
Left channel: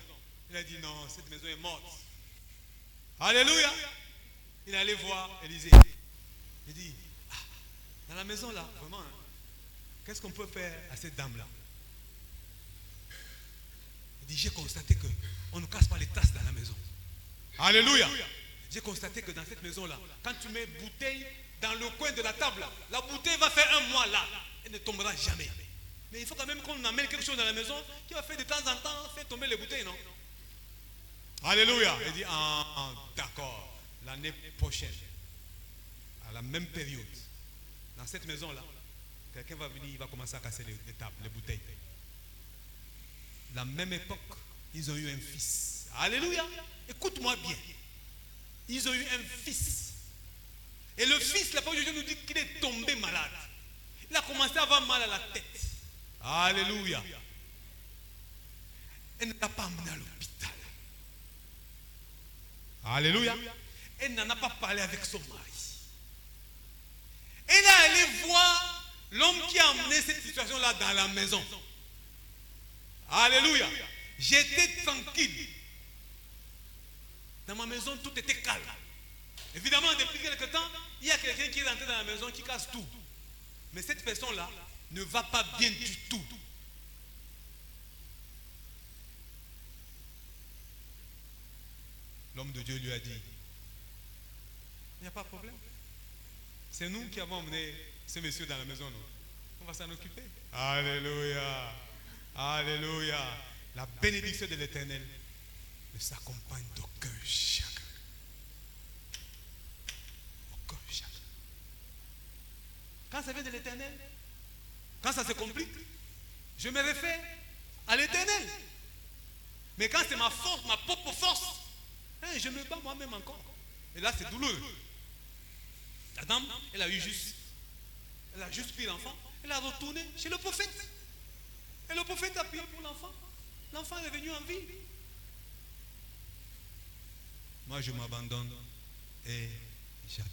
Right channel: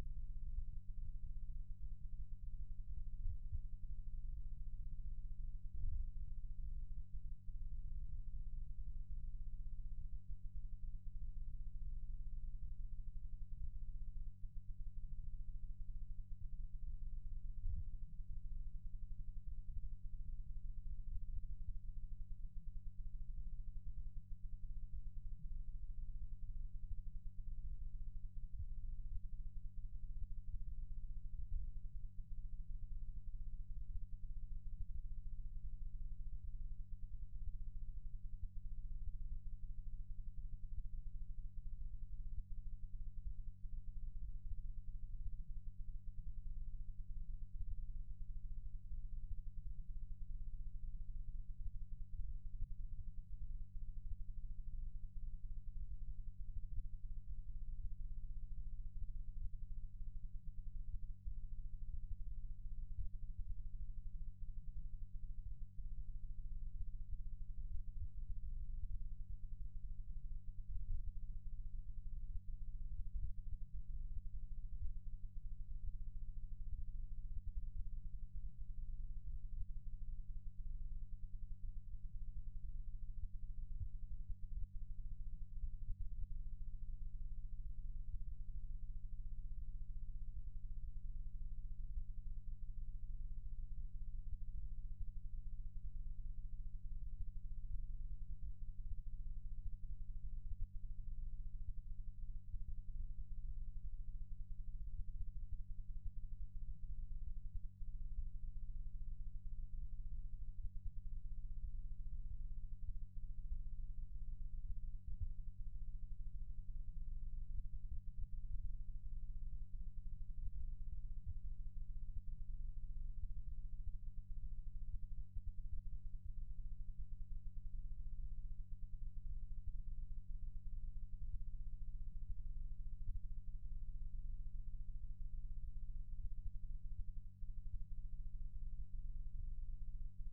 Il a dit non, cette maison est morte. Alléluia. Il allait voir Élisée. Il dit, dans la maison là, vraiment, qu'est-ce qu'on peut faire à cette dame-là? Il dit, j'ai constaté qu'on ne casse pas les tasses dans la maison. Alléluia. J'ai constaté que dans cette maison-là, quand tu mets bouteille dans le coin de la table, la bouteille va faire 1 mois là. Elle ne tombera jamais. Mais il faut quand même qu'on amène quelque chose dans la maison qui va faire de temps en temps faire tomber les bouteilles, non? Alléluia. Il dit, d'accord, l'année prochaine, à la même période, dans cette maison-là, quelqu'un va venir, il va commencer à casser les tables, les bouteilles. La même époque, ils ont eu un fils. Alléluia. Écoute-moi bien. Ils ont eu un fils. Et le fils, la parole de Dieu nous dit qu'il est tombé malade. Il a commencé à avoir mal à la tête. Alléluia. Elle ne l'a pas amené à l'hôpital. Alléluia. Elle n'en a pas parlé avec son mari. Elle est allée voir l'homme qui a amené cette situation-là dans la maison. Alléluia. J'étais tranquille. Dans ma maison, tout était calme. Évidemment, depuis quelque temps, il y a quelqu'un qui est rentré dans la maison qui casse tout. Mais cette personne-là ne va pas bien du tout. L'homme de Dieu lui a dit, il n'y a pas de problème. C'est nous qui avons emmené ce monsieur dans la maison, non? On va s'en occuper. Alléluia. Alléluia. La bénédiction de l'Éternel ne s'accompagne d'aucun chagrin. Aucun chagrin. Quand ça vient de l'Éternel, quand ça se complique, je me réfère à l'Éternel. Mais quand c'est ma force, ma propre force, je me bats moi-même encore. Et là, c'est douloureux. La dame, elle a juste pris l'enfant, elle a retourné chez le prophète. Et le prophète a prié pour l'enfant. L'enfant est revenu en vie. Moi, je m'abandonne et j'attends.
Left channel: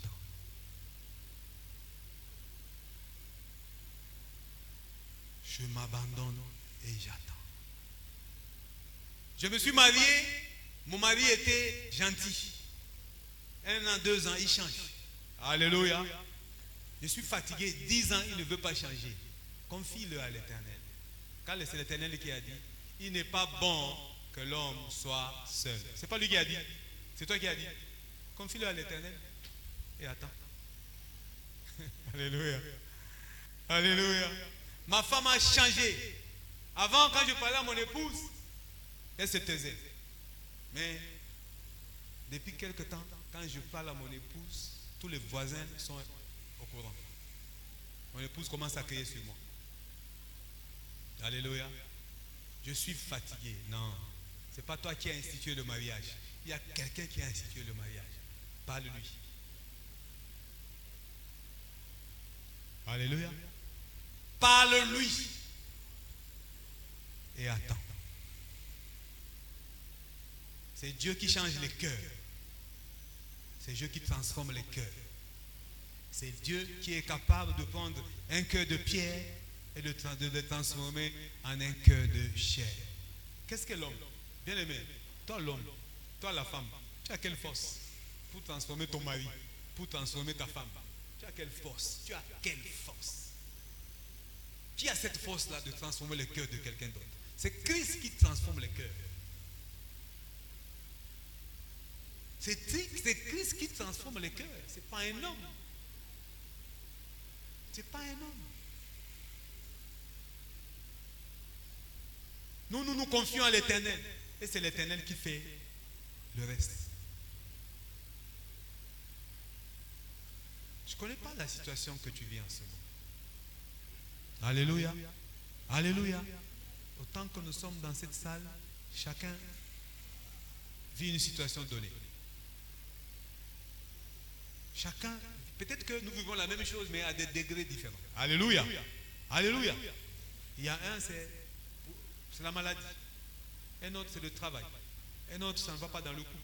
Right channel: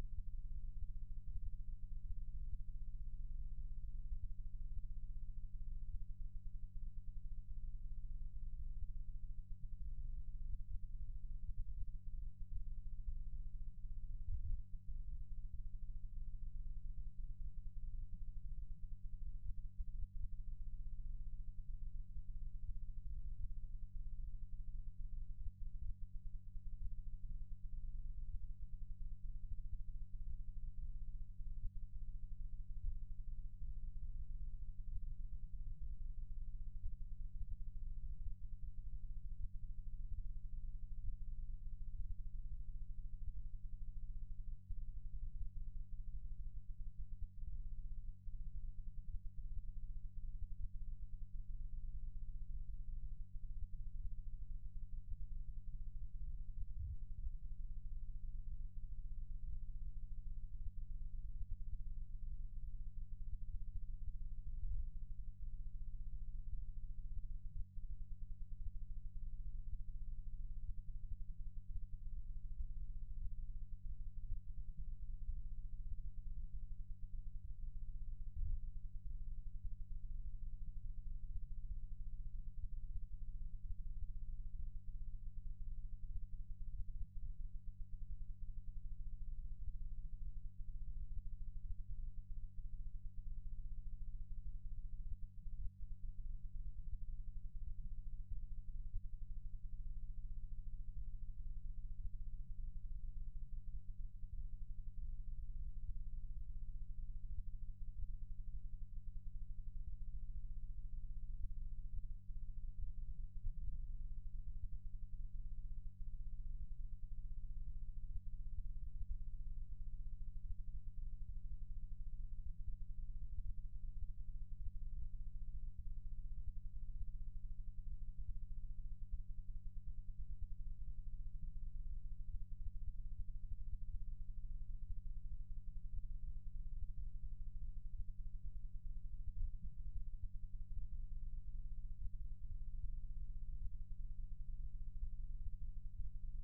Je m'abandonne et j'attends. Je me suis marié, mon mari était gentil. 1 an, 2 ans, il change. Alléluia. Je suis fatigué, 10 ans, il ne veut pas changer. Confie-le à l'Éternel. Car c'est l'Éternel qui a dit, il n'est pas bon que l'homme soit seul. C'est pas lui qui a dit, c'est toi qui as dit. Confie-le à l'Éternel et attends. Alléluia. Alléluia. Ma femme a changé. Avant, quand je parlais à mon épouse, elle se taisait. Mais depuis quelque temps, quand je parle à mon épouse, tous les voisins sont au courant. Mon épouse commence à crier sur moi. Alléluia. Je suis fatigué. Non, ce n'est pas toi qui as institué le mariage. Il y a quelqu'un qui a institué le mariage. Parle-lui. Alléluia. Parle-lui. Et attends. C'est Dieu qui change les cœurs. C'est Dieu qui transforme les cœurs. C'est Dieu qui est capable de prendre un cœur de pierre et de le transformer en un cœur de chair. Qu'est-ce que l'homme? Bien aimé, toi l'homme, toi la femme, tu as quelle force pour transformer ton mari, pour transformer ta femme? Tu as quelle force? Tu as quelle force? Qui a cette force-là de transformer le cœur de quelqu'un d'autre? C'est Christ qui transforme les cœurs. C'est Christ qui transforme les cœurs. Ce n'est pas un homme. Ce n'est pas un homme. Nous nous confions à l'Éternel. Et c'est l'Éternel qui fait le reste. Je ne connais pas la situation que tu vis en ce moment. Alléluia. Alléluia. Autant que nous sommes dans cette salle, chacun vit une situation donnée. Chacun, peut-être que nous vivons la même chose, mais à des degrés différents. Alléluia. Alléluia. Il y a un, c'est la maladie. Un autre, c'est le travail. Un autre, ça ne va pas dans le couple.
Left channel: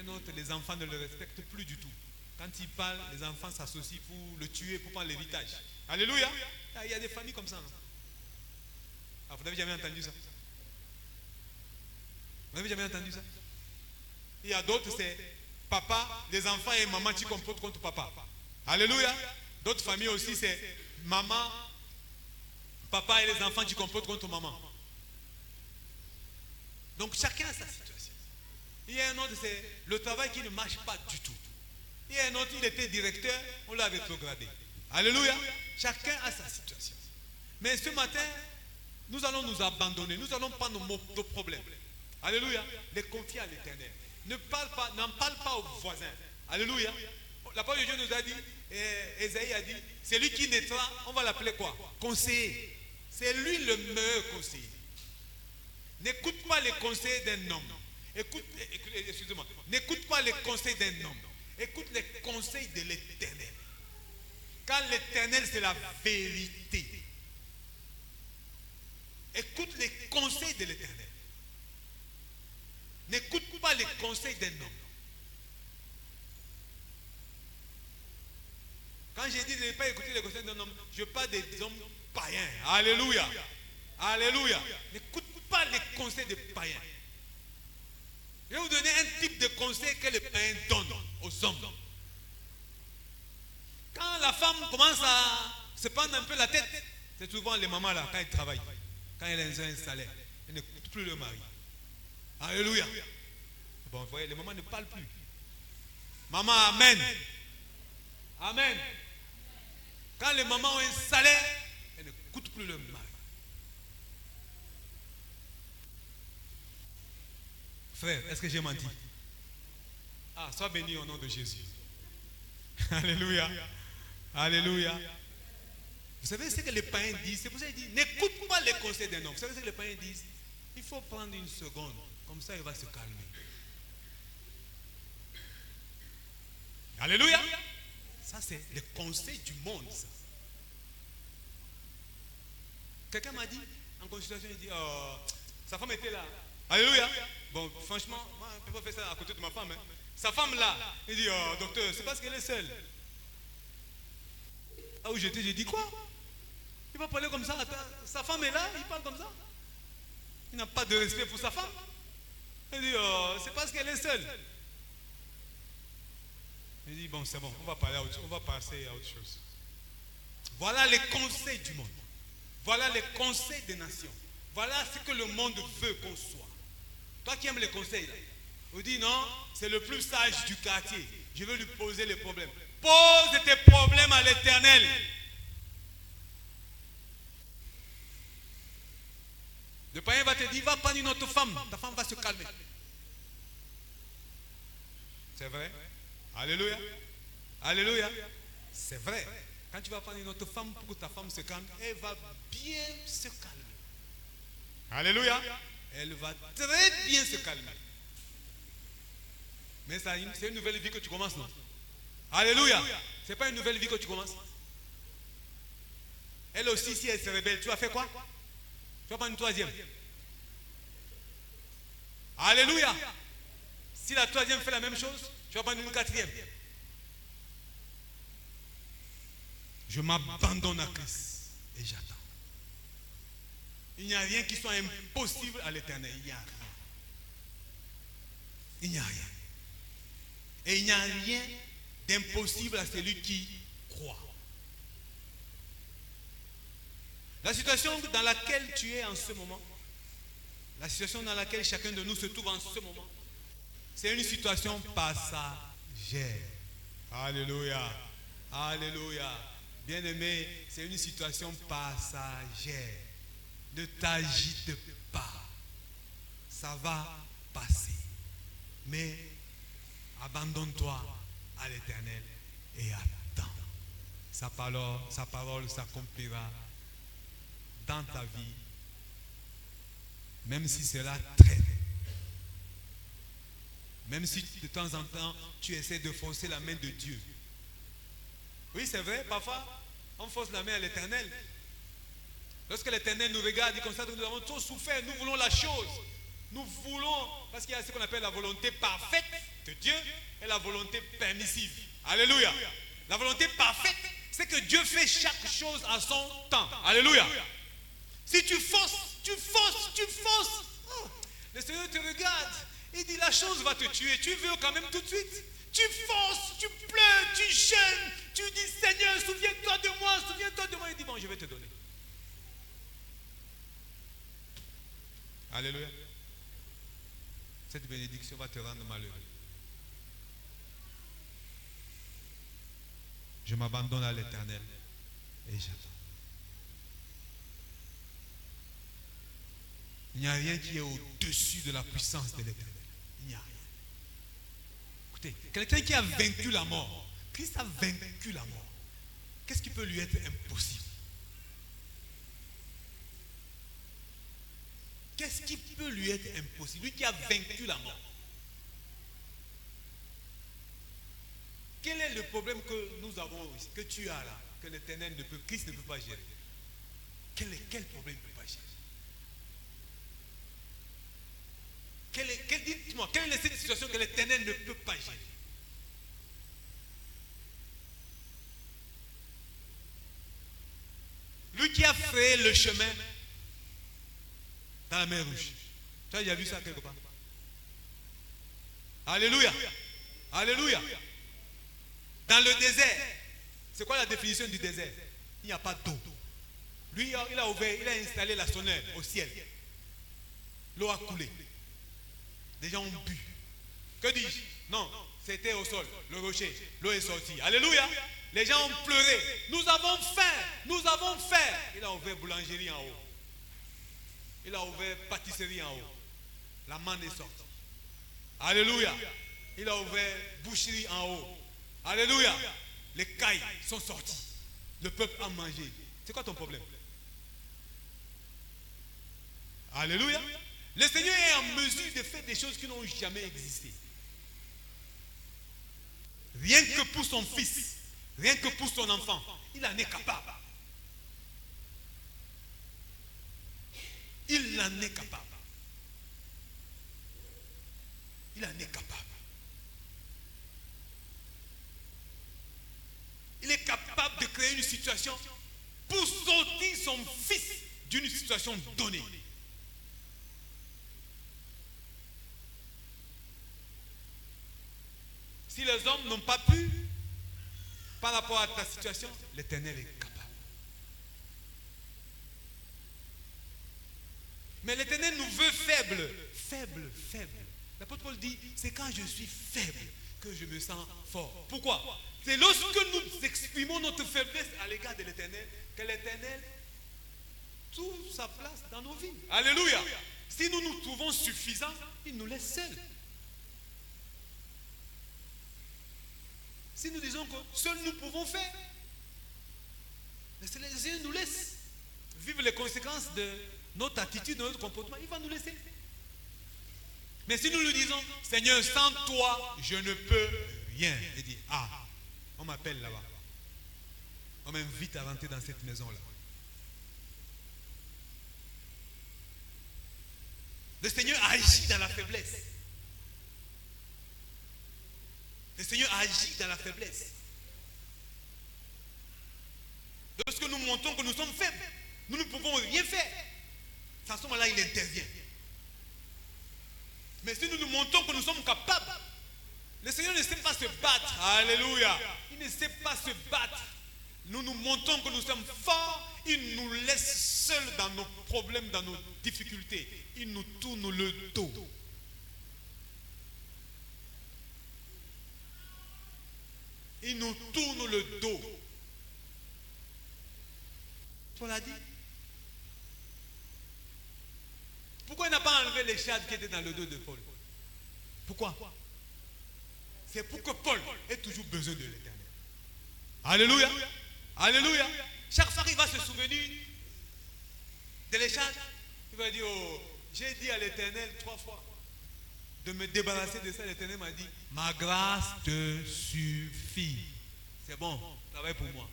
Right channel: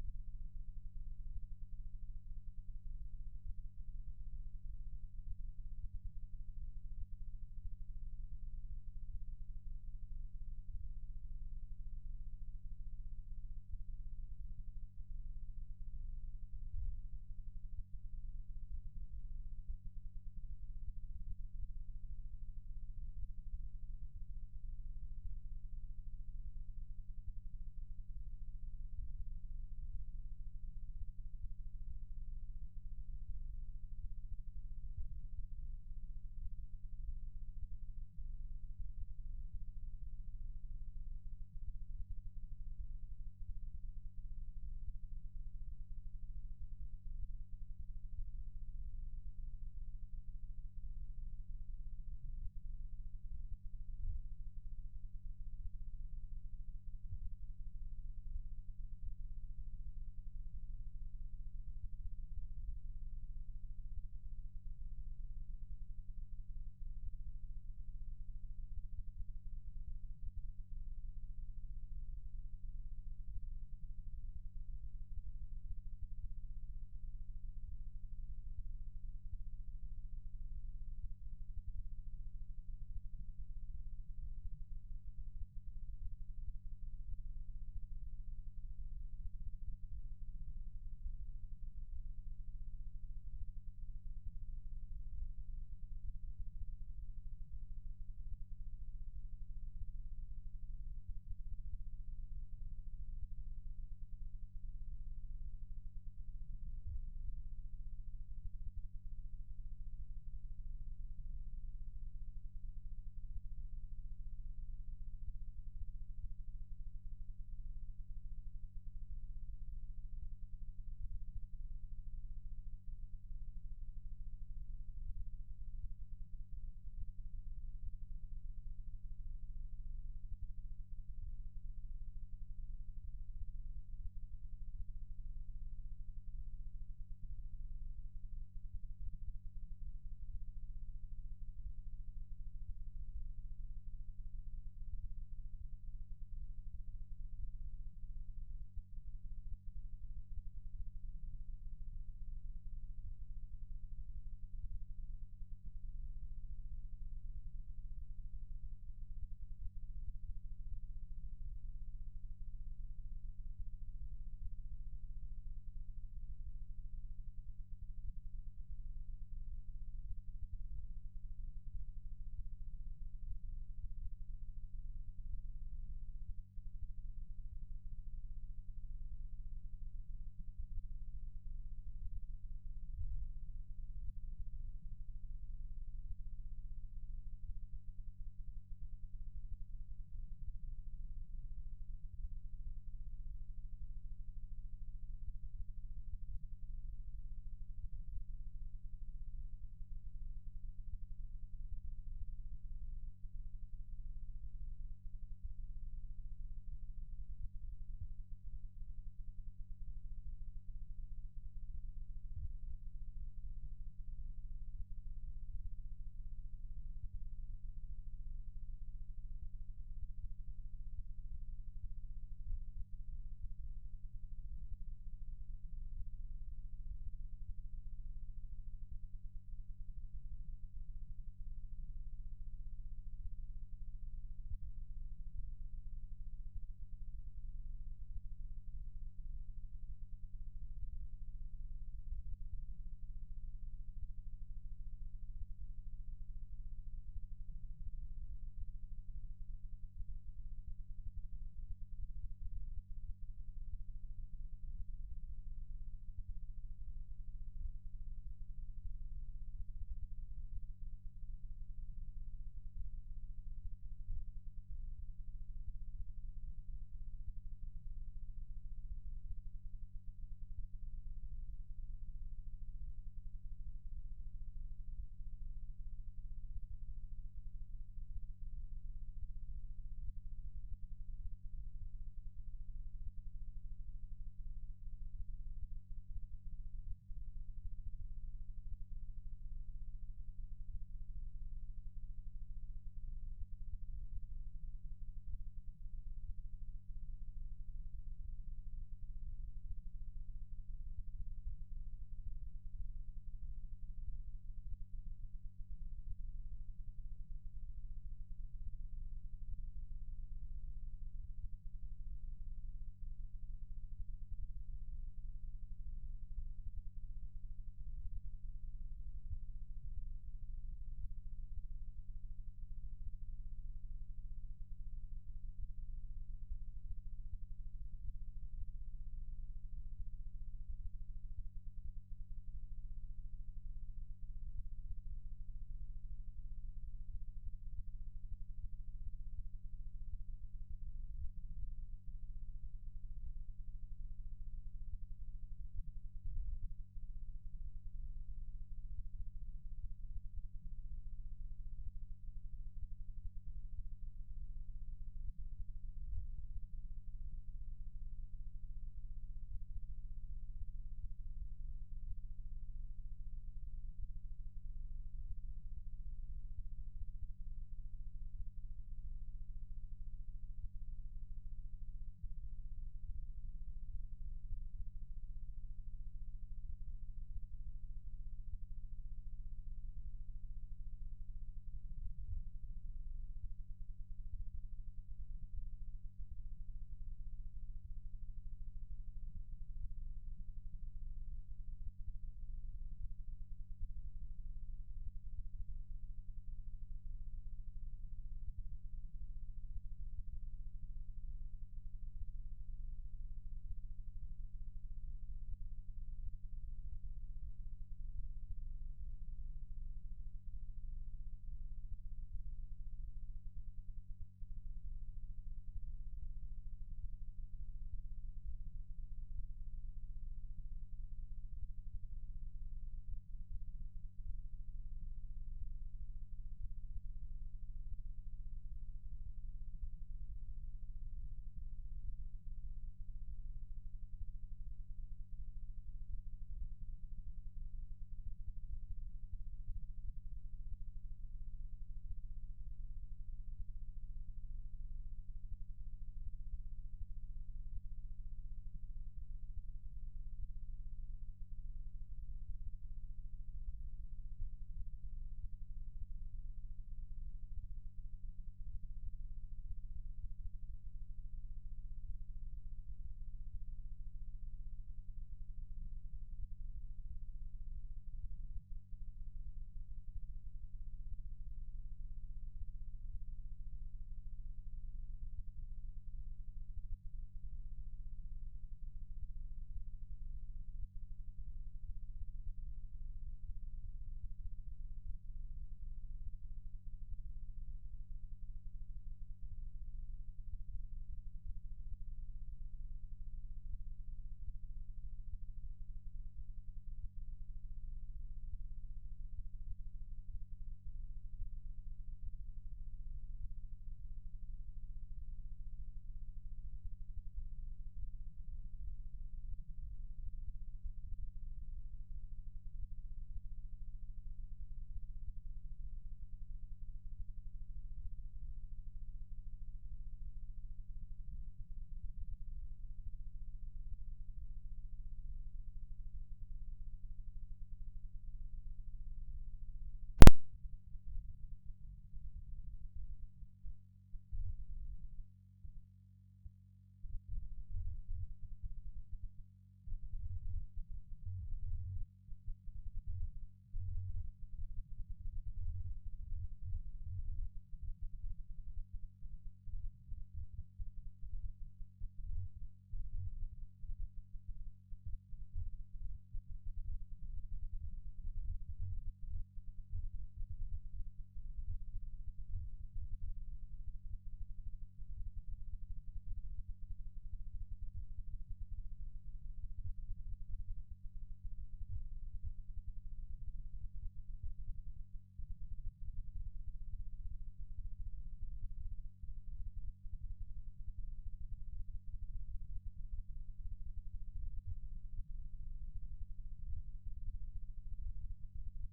Un autre, les enfants ne le respectent plus du tout. Quand il parle, les enfants s'associent pour le tuer, pour prendre l'héritage. Alléluia. Il y a des familles comme ça. Ah, vous n'avez jamais entendu ça? Vous n'avez jamais entendu ça? Il y a d'autres, c'est papa, les enfants et maman qui complotent contre papa. Alléluia. D'autres familles aussi, c'est maman, papa et les enfants qui complotent contre maman. Donc chacun a sa situation. Il y a un autre, c'est le travail qui ne marche pas du tout. Il y a un autre, il était directeur, on l'a rétrogradé. Alléluia. Chacun a sa situation. Mais ce matin, nous allons nous abandonner. Nous allons prendre nos problèmes. Alléluia. Les confier à l'Éternel. N'en parle pas aux voisins. Alléluia. La parole de Dieu nous a dit, Ésaïe a dit, c'est lui qui naîtra, on va l'appeler quoi? Conseiller. C'est lui le meilleur conseiller. N'écoute pas les conseils d'un homme. Excusez-moi. N'écoute pas les conseils d'un homme. Écoute les conseils de l'Éternel. Car l'Éternel, c'est la vérité. Écoute les conseils de l'Éternel. N'écoute pas les conseils d'un homme. Quand j'ai dit de ne pas écouter les conseils d'un homme, je parle des hommes païens. Alléluia. Alléluia. N'écoute pas les conseils des païens. Je vais vous donner un type de conseil que les païens donnent aux hommes. Quand la femme commence à se prendre un peu la tête, c'est souvent les mamans là, quand elles travaillent, quand elles ont un salaire, elles n'écoutent plus le mari. Alléluia. Bon, vous voyez, les mamans ne parlent plus. Maman, amen. Amen. Quand les mamans ont un salaire, elles n'écoutent plus le mari. Frère, est-ce que j'ai menti? Ah, sois béni au nom de Jésus. Alléluia. Alléluia. Vous savez ce que les païens disent? C'est pour ça qu'ils disent, n'écoute pas les conseils d'un homme. Vous savez ce que les païens disent? Il faut prendre une seconde. Comme ça, il va se calmer. Alléluia. Ça, c'est les conseils du monde. Ça. Quelqu'un m'a dit, En consultation, il dit, oh, sa femme était là. Alléluia. Bon, franchement, moi, je ne peux pas faire ça à côté de ma femme. Hein. Sa femme là, il dit, oh, docteur, c'est parce qu'elle est seule. Là où j'étais, j'ai dit, quoi? Il va parler comme ça. Attends, sa femme est là, il parle comme ça. Il n'a pas de respect pour sa femme. Il dit, oh, c'est parce qu'elle est seule. Il dit, bon, c'est bon, on va passer à autre chose. Voilà les conseils du monde. Voilà les conseils des nations. Voilà ce que le monde veut qu'on soit. Toi qui aimes les conseils, là, vous dites non, c'est le plus sage du quartier. Je veux lui poser les problèmes. Pose tes problèmes à l'Éternel. Le païen va te dire, va prendre une autre femme. Ta femme va se calmer. C'est vrai? Alléluia. Alléluia. C'est vrai. Quand tu vas prendre une autre femme pour que ta femme se calme, elle va bien se calmer. Alléluia. Elle va très bien se calmer. Mais c'est une nouvelle vie que tu commences, non? Alléluia. C'est pas une nouvelle vie que tu commences. Elle aussi, si elle se rebelle, tu vas faire quoi? Tu vas prendre une troisième. Alléluia. Si la troisième fait la même chose, tu vas prendre une quatrième. Je m'abandonne à Christ et j'attends. Il n'y a rien qui soit impossible à l'Éternel. Il n'y a rien. Il n'y a rien. Et il n'y a rien d'impossible à celui qui croit. La situation dans laquelle tu es en ce moment, la situation dans laquelle chacun de nous se trouve en ce moment, c'est une situation passagère. Alléluia. Alléluia. Bien-aimé, c'est une situation passagère. Ne t'agite pas. Ça va passer. Mais abandonne-toi à l'Éternel et attends. Sa parole s'accomplira dans ta vie. Même si cela traîne. Même si de temps en temps, tu essaies de forcer la main de Dieu. Oui, c'est vrai, parfois, on force la main à l'Éternel. Lorsque l'Éternel nous regarde, il constate que nous avons trop souffert, nous voulons la chose. Nous voulons, parce qu'il y a ce qu'on appelle la volonté parfaite de Dieu et la volonté permissive. Alléluia. La volonté parfaite, c'est que Dieu fait chaque chose à son temps. Alléluia. Si tu forces, le Seigneur te regarde, il dit la chose va te tuer, tu veux quand même tout de suite. Tu forces, tu pleures, tu jeûnes, tu dis Seigneur, souviens-toi de moi, il dit bon, je vais te donner. Alléluia. Cette bénédiction va te rendre malheureux. Je m'abandonne à l'Éternel et j'attends. Il n'y a rien qui est au-dessus de la puissance de l'Éternel. Il n'y a rien. Écoutez, quelqu'un qui a vaincu la mort, Christ a vaincu la mort. Qu'est-ce qui peut lui être impossible? Qu'est-ce qui peut lui être impossible? Lui qui a vaincu la mort. Quel est le problème que nous avons, que tu as là, que l'Éternel ne peut, Christ ne peut pas gérer? Quel problème il ne peut pas gérer? Dites-moi, quelle est cette situation que l'Éternel ne peut pas gérer? Lui qui a fait le chemin dans la mer Rouge. Tu as déjà vu ça quelque part? Alléluia. Alléluia. Dans le désert, c'est quoi la définition du désert? Il n'y a pas d'eau. Lui, il a installé la sonnette au ciel. L'eau a coulé. Les gens ont bu. Que dis-je? Non, c'était au sol, le rocher. L'eau est sortie. Alléluia. Les gens ont pleuré. Nous avons faim. Nous avons faim. Il a ouvert boulangerie en haut. Il a ouvert pâtisserie en haut. La manne est sortie. Alléluia. Il a ouvert boucherie en haut. Alléluia. Les cailles sont sorties. Le peuple a mangé. C'est quoi ton problème? Alléluia. Le Seigneur est en mesure de faire des choses qui n'ont jamais existé. Rien que pour son fils, rien que pour son enfant, il en est capable. en est capable. Il en est capable. Il est capable de créer une situation pour sortir son fils d'une situation donnée. Si les hommes n'ont pas pu, par rapport à ta situation, l'Éternel est capable. Mais l'Éternel nous veut faibles. Faibles, faibles. L'apôtre Paul dit, c'est quand je suis faible que je me sens fort. Pourquoi? C'est lorsque nous exprimons notre faiblesse à l'égard de l'Éternel que l'Éternel trouve sa place dans nos vies. Alléluia. Si nous nous trouvons suffisants, il nous laisse seuls. Si nous disons que seuls nous pouvons faire, le Seigneur nous laisse vivre les conséquences de notre attitude, de notre comportement, il va nous laisser. Mais si nous lui disons, Seigneur, sans toi, je ne peux rien. Il dit, ah, on m'appelle là-bas. On m'invite à rentrer dans cette maison-là. Le Seigneur agit dans la faiblesse. Le Seigneur agit dans la faiblesse. Lorsque nous montrons que nous sommes faibles, nous ne pouvons rien faire. À ce moment-là, il intervient. Mais si nous nous montrons que nous sommes capables, le Seigneur ne sait pas se battre. Alléluia. Il ne sait pas se battre. Nous nous montrons que nous sommes forts. Il nous laisse seuls dans nos problèmes, dans nos difficultés. Il nous tourne le dos. Il nous tourne le dos. Paul a dit. Pourquoi il n'a pas enlevé les charges qui étaient dans le dos de Paul? Pourquoi? C'est pour que Paul ait toujours besoin de l'Éternel. Alléluia. Alléluia. Chaque fois qu'il va se souvenir de les charges, il va dire, oh, j'ai dit à l'Éternel 3 fois de me débarrasser de ça. L'Éternel m'a dit, ma grâce te suffit. C'est bon, travaille pour moi.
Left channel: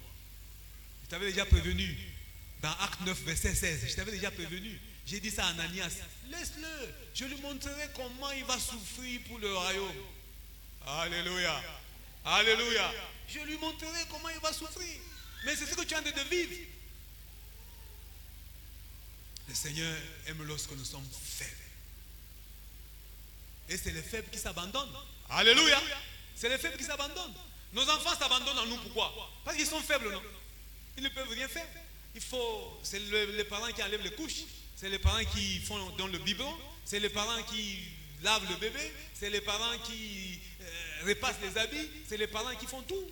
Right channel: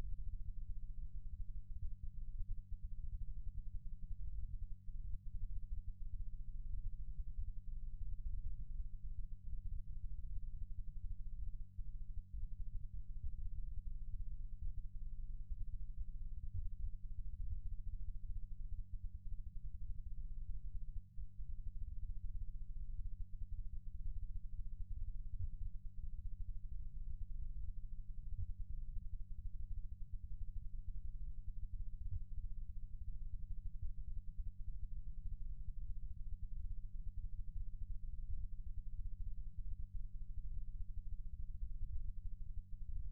Je t'avais déjà prévenu dans Acte 9, verset 16. Je t'avais déjà prévenu. J'ai dit ça à Ananias. Laisse-le. Je lui montrerai comment il va souffrir pour le royaume. Alléluia. Alléluia. Je lui montrerai comment il va souffrir. Mais c'est ce que tu es en train de vivre. Le Seigneur aime lorsque nous sommes faibles. Et c'est les faibles qui s'abandonnent. Alléluia. C'est les faibles qui s'abandonnent. Nos enfants s'abandonnent en nous. Pourquoi? Parce qu'ils sont faibles, non? Ils ne peuvent rien faire. C'est les parents qui enlèvent les couches. C'est les parents qui font dans le biberon. C'est les parents qui lavent le bébé. C'est les parents qui repassent les habits. C'est les parents qui font tout.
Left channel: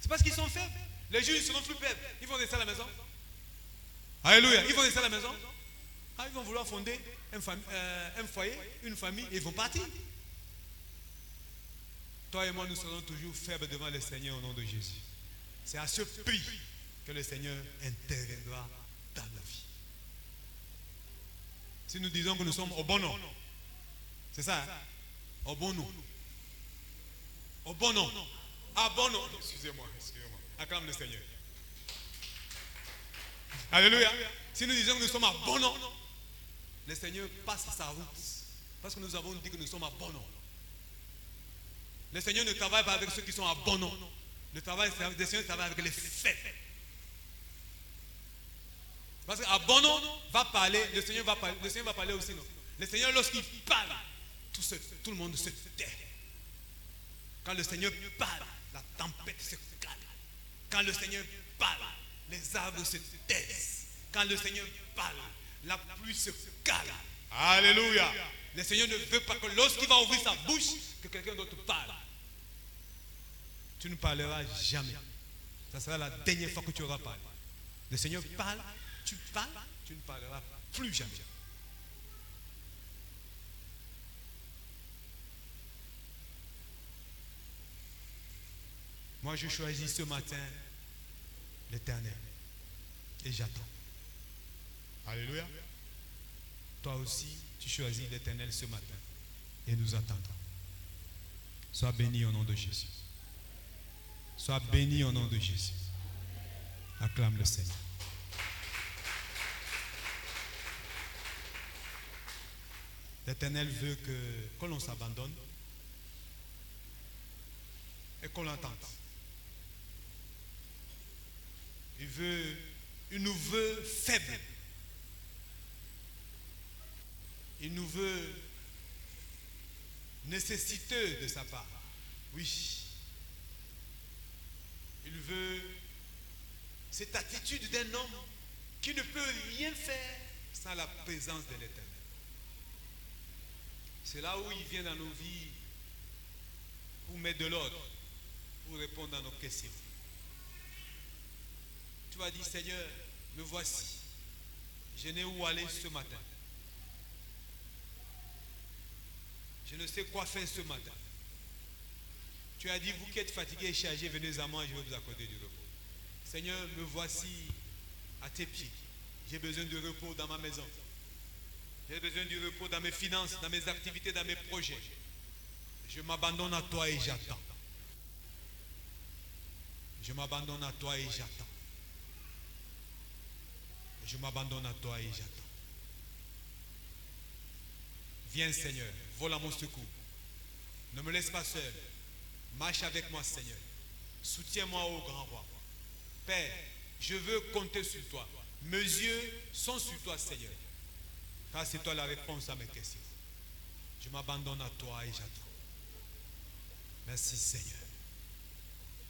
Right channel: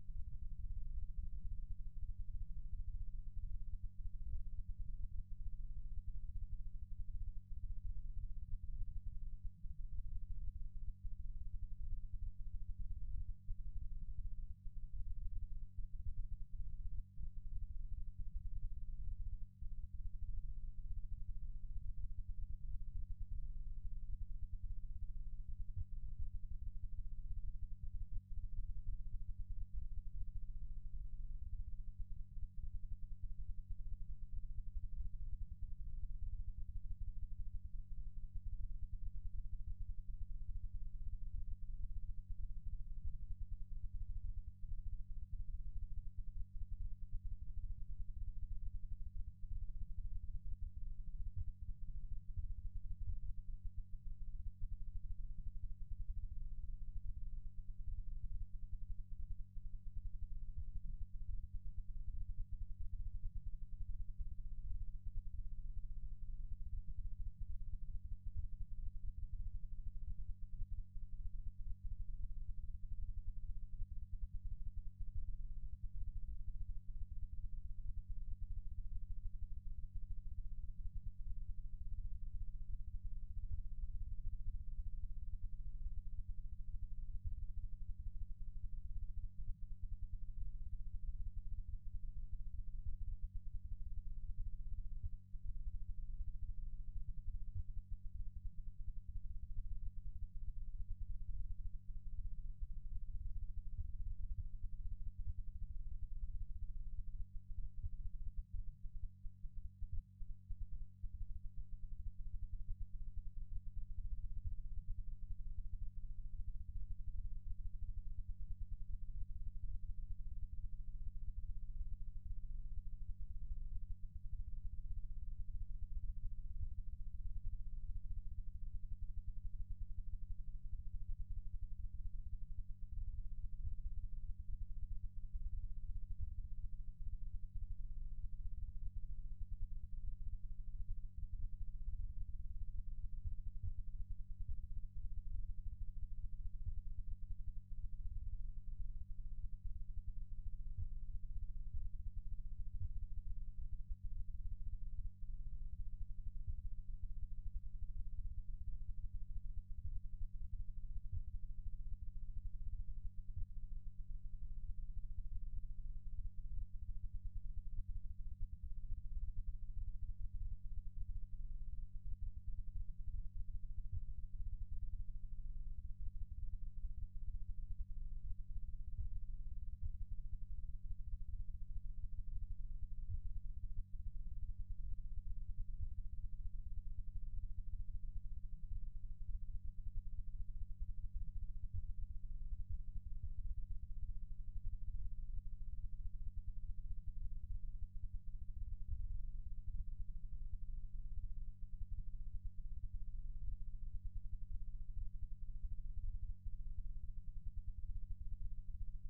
C'est parce qu'ils sont faibles. Les jours, ils seront plus faibles. Ils vont rester à la maison. Alléluia. Ils vont rester à la maison. Ah, ils vont vouloir fonder un foyer, une famille, et ils vont partir. Toi et moi, nous serons toujours faibles devant le Seigneur au nom de Jésus. C'est à ce prix que le Seigneur interviendra dans nos vies. Si nous disons que nous sommes au bon nom, c'est ça, hein? Au bon nom. Au bon nom. À bon nom. Excusez-moi. Acclame le Seigneur. Alléluia. Si nous disons que nous sommes à bon nom, le Seigneur passe sa route. Parce que nous avons dit que nous sommes à bon nom. Le Seigneur ne travaille pas avec ceux qui sont à bon nom. Le Seigneur travaille avec les faits. Parce qu'à bon nom va parler, le Seigneur va parler aussi. Non? Le Seigneur, lorsqu'il parle, tout le monde se tait. Quand le Seigneur parle, la tempête se calme. Quand le Seigneur parle, les arbres se taisent. Quand le Seigneur parle, la pluie se calme. Alléluia. Le Seigneur ne veut pas que lorsqu'il va ouvrir sa bouche, que quelqu'un d'autre parle. Tu ne parleras jamais. Ça sera la dernière fois que tu auras parlé. Le Seigneur parle, tu ne parleras plus jamais. Moi, je choisis ce matin l'Éternel. Et j'attends. Alléluia. Toi aussi, tu choisis l'Éternel ce matin. Et nous attendons. Sois béni au nom de Jésus. Sois béni au nom de Jésus. Acclame le Seigneur. L'Éternel veut que l'on s'abandonne et qu'on l'entende. Il nous veut faibles. Il nous veut nécessiteux de sa part. Oui. Il veut cette attitude d'un homme qui ne peut rien faire sans la présence de l'Éternel. C'est là où il vient dans nos vies pour mettre de l'ordre, pour répondre à nos questions. Tu vas dire, Seigneur, me voici. Je n'ai où aller ce matin. Je ne sais quoi faire ce matin. Tu as dit, vous qui êtes fatigués et chargés, venez à moi et je vais vous accorder du repos. Seigneur, me voici à tes pieds. J'ai besoin de repos dans ma maison. J'ai besoin du repos dans mes finances, dans mes activités, dans mes projets. Je m'abandonne à toi et j'attends. Je m'abandonne à toi et j'attends. Je m'abandonne à toi et j'attends. Viens Seigneur, vole à mon secours. Ne me laisse pas seul. Marche avec moi Seigneur. Soutiens-moi ô grand roi. Père, je veux compter sur toi. Mes yeux sont sur toi Seigneur. Car c'est toi la réponse à mes questions. Je m'abandonne à toi et j'attends. Merci Seigneur.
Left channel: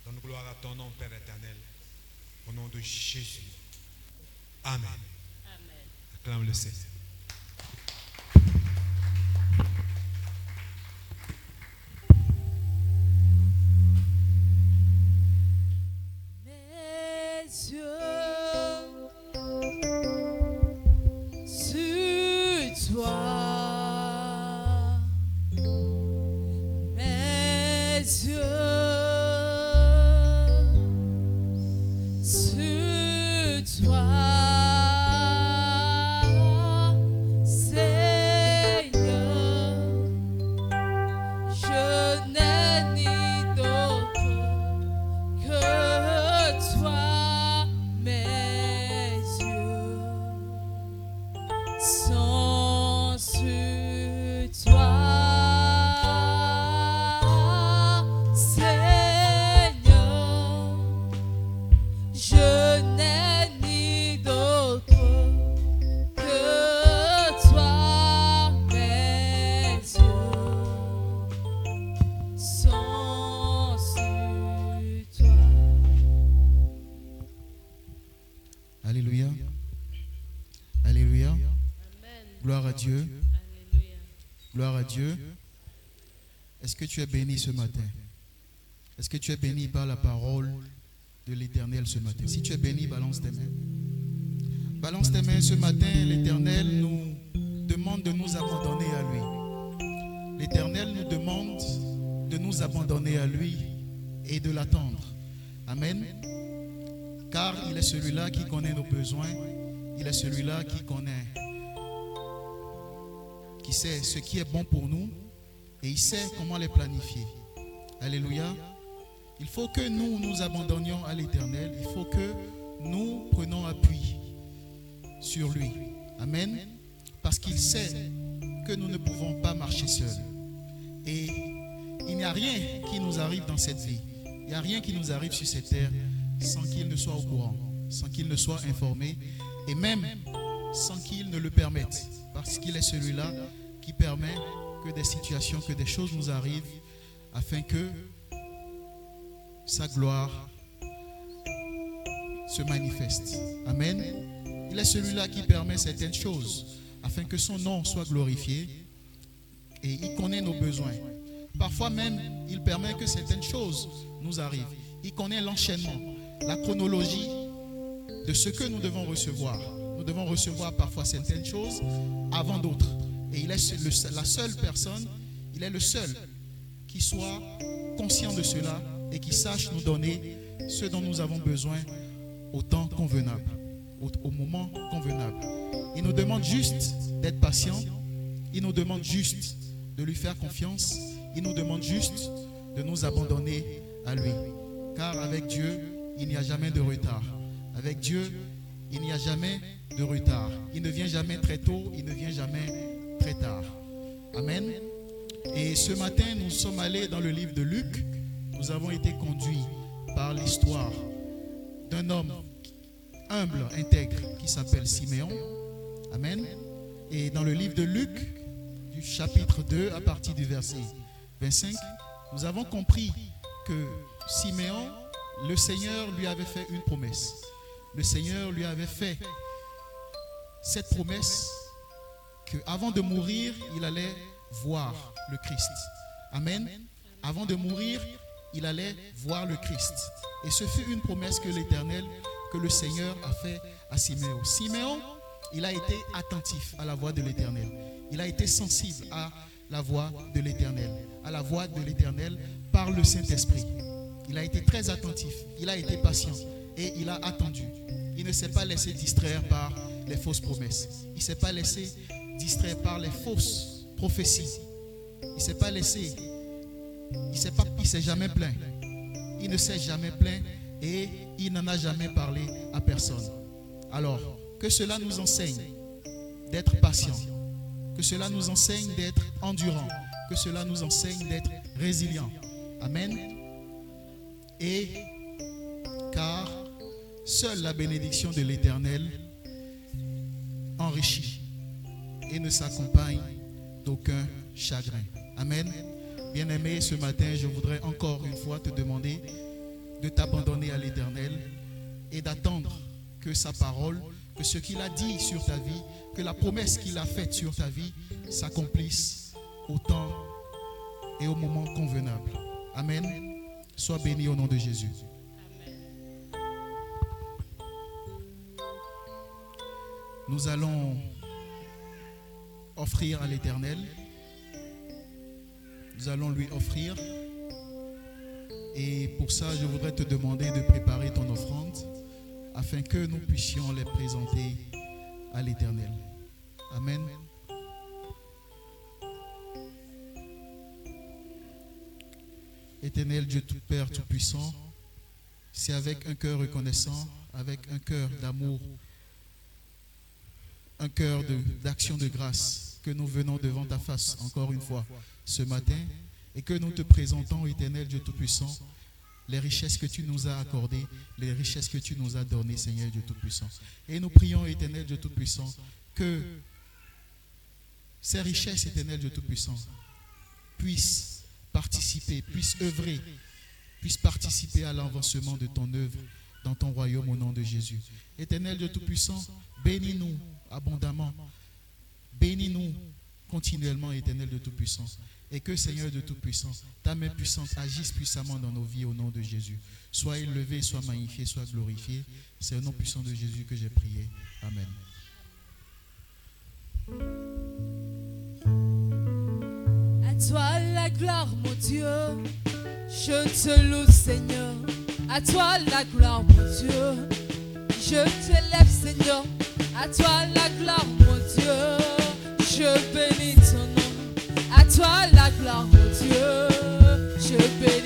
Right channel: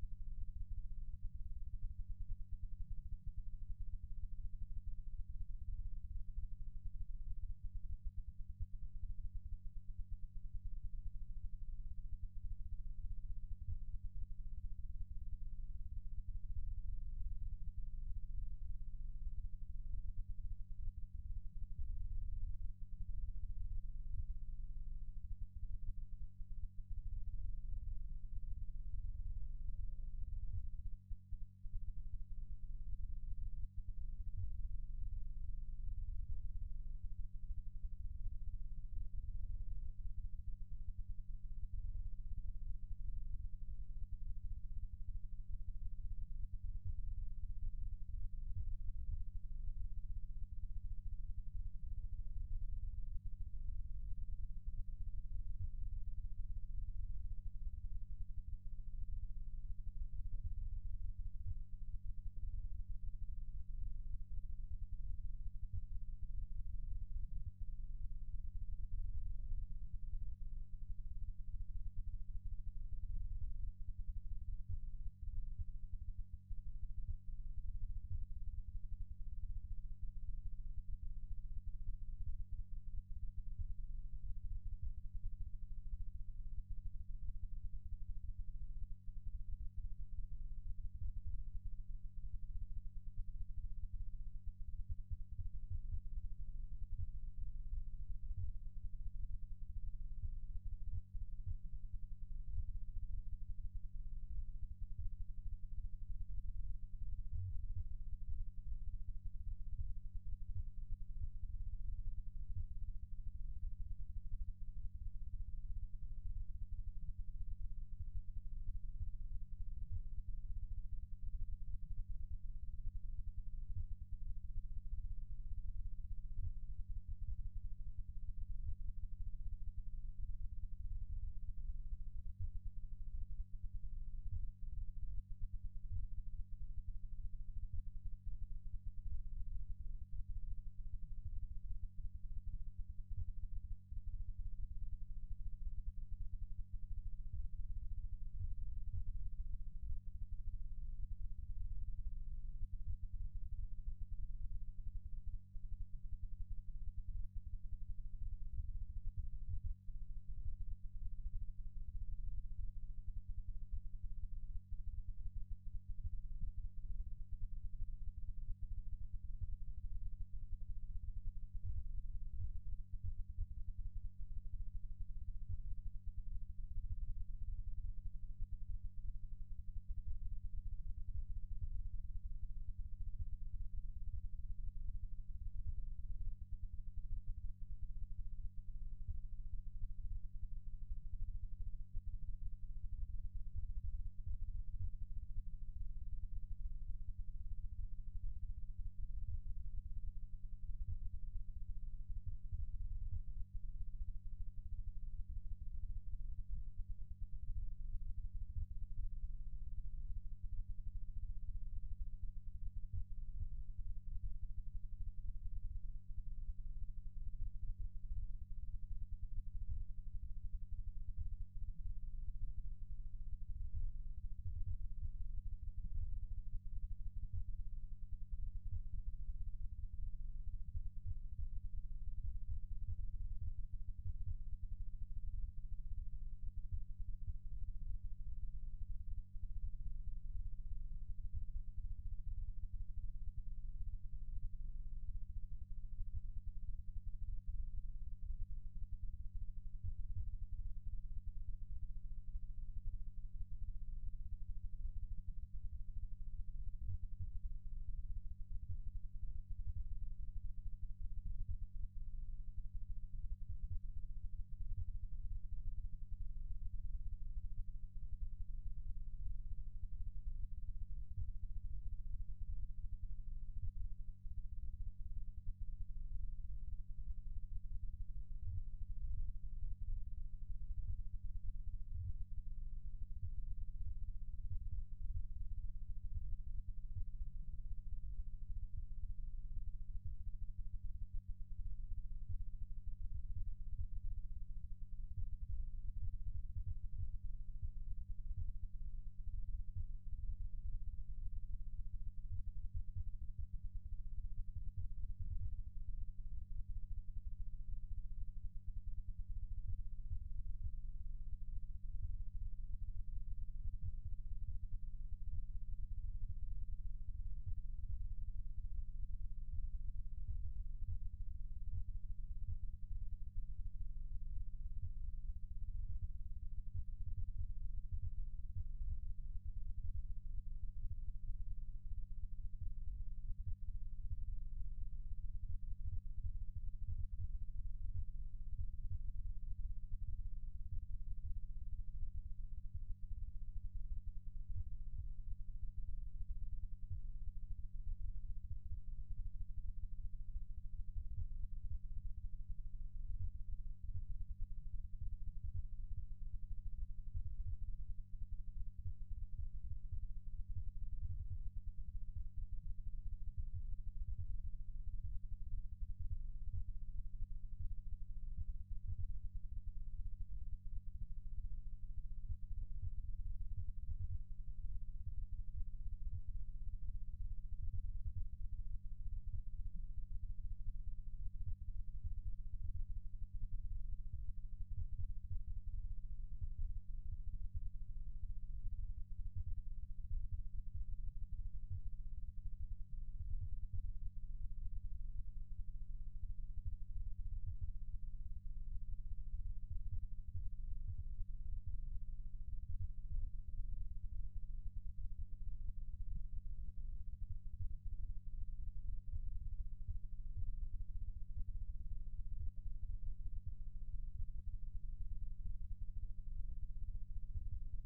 Donne gloire à ton nom Père éternel. Au nom de Jésus. Amen. Amen. Acclame le Seigneur. Mes yeux sur toi. Mes yeux sur toi. Alléluia. Alléluia. Amen. Gloire à Dieu. Alléluia. Gloire à Dieu. Est-ce que tu es béni ce matin? Est-ce que tu es béni par la parole de l'Éternel ce matin? Si tu es béni, balance tes mains. Balance tes mains ce matin. L'Éternel nous demande de nous abandonner à lui. L'Éternel nous demande de nous abandonner à lui et de l'attendre. Amen. Car il est celui-là qui connaît nos besoins. Il est celui-là qui sait ce qui est bon pour nous et il sait comment les planifier. Alléluia. Il faut que nous nous abandonnions à l'Éternel. Il faut que nous prenions appui sur lui. Amen. Parce qu'il sait que nous ne pouvons pas marcher seuls. Et il n'y a rien qui nous arrive dans cette vie. Il n'y a rien qui nous arrive sur cette terre sans qu'il ne soit au courant, sans qu'il ne soit informé et même sans qu'il ne le permette. Parce qu'il est celui-là qui permet que des situations, que des choses nous arrivent afin que sa gloire se manifeste. Amen. Il est celui-là qui permet certaines choses afin que son nom soit glorifié et il connaît nos besoins. Parfois même, il permet que certaines choses nous arrivent. Il connaît l'enchaînement, la chronologie de ce que nous devons recevoir. Nous devons recevoir parfois certaines choses avant d'autres. Et il est la seule personne, il est le seul qui soit conscient de cela et qui sache nous donner ce dont nous avons besoin au temps convenable, au moment convenable. Il nous demande juste d'être patient. Il nous demande juste de lui faire confiance. Il nous demande juste de nous abandonner à lui. Car avec Dieu, il n'y a jamais de retard. Avec Dieu, il n'y a jamais de retard. Il ne vient jamais très tôt, il ne vient jamais très tard. Amen. Et ce matin, nous sommes allés dans le livre de Luc. Nous avons été conduits par l'histoire d'un homme humble, intègre, qui s'appelle Siméon. Amen. Et dans le livre de Luc, du chapitre 2, à partir du verset 25, nous avons compris que Siméon, le Seigneur lui avait fait une promesse. Le Seigneur lui avait fait cette promesse qu'avant de mourir, il allait voir le Christ. Amen. Avant de mourir, il allait voir le Christ. Et ce fut une promesse que l'Éternel, que le Seigneur a fait à Siméon. Siméon, il a été attentif à la voix de l'Éternel. Il a été sensible à la voix de l'Éternel, à la voix de l'Éternel par le Saint-Esprit. Il a été très attentif, il a été patient et il a attendu. Il ne s'est pas laissé distraire par les fausses promesses. Il ne s'est pas laissé distraire par les fausses prophéties. Il ne s'est pas laissé, il s'est jamais plaint. Il ne s'est jamais plaint et il n'en a jamais parlé à personne. Alors, que cela nous enseigne d'être patient, que cela nous enseigne d'être endurant, que cela nous enseigne d'être résilient. Amen. Et car seule la bénédiction de l'Éternel enrichit et ne s'accompagne d'aucun chagrin. Amen. Bien-aimé, ce matin, je voudrais encore une fois te demander de t'abandonner à l'Éternel et d'attendre que sa parole, que ce qu'il a dit sur ta vie, que la promesse qu'il a faite sur ta vie s'accomplisse au temps et au moment convenable. Amen. Sois béni au nom de Jésus. Nous allons offrir à l'Éternel. Nous allons lui offrir. Et pour ça, je voudrais te demander de préparer ton offrande afin que nous puissions les présenter à l'Éternel. Amen. Éternel Dieu tout Père Tout-Puissant, c'est avec un cœur reconnaissant, avec un cœur d'amour, un cœur d'action de grâce que nous venons devant ta face encore une fois ce matin et que nous te présentons, Éternel Dieu Tout-Puissant, les richesses que tu nous as accordées, les richesses que tu nous as données, Seigneur Dieu Tout-Puissant. Et nous prions, Éternel Dieu Tout-Puissant, que ces richesses, Éternel Dieu Tout-Puissant, puissent participer, puissent œuvrer, puissent participer à l'avancement de ton œuvre dans ton royaume au nom de Jésus. Éternel Dieu Tout-Puissant, bénis-nous abondamment, bénis-nous continuellement, Éternel Dieu Tout-Puissant. Et que, Seigneur de Tout-Puissant, ta main puissante agisse puissamment dans nos vies au nom de Jésus. Sois élevé, sois magnifié, sois glorifié. C'est au nom puissant de Jésus que j'ai prié. Amen. À toi la gloire, mon Dieu. Je te loue, Seigneur. À toi la gloire, mon Dieu. Je t'élève, Seigneur. À toi la gloire, mon Dieu. Je bénis ton nom. À toi la gloire, mon Dieu. Je bénis.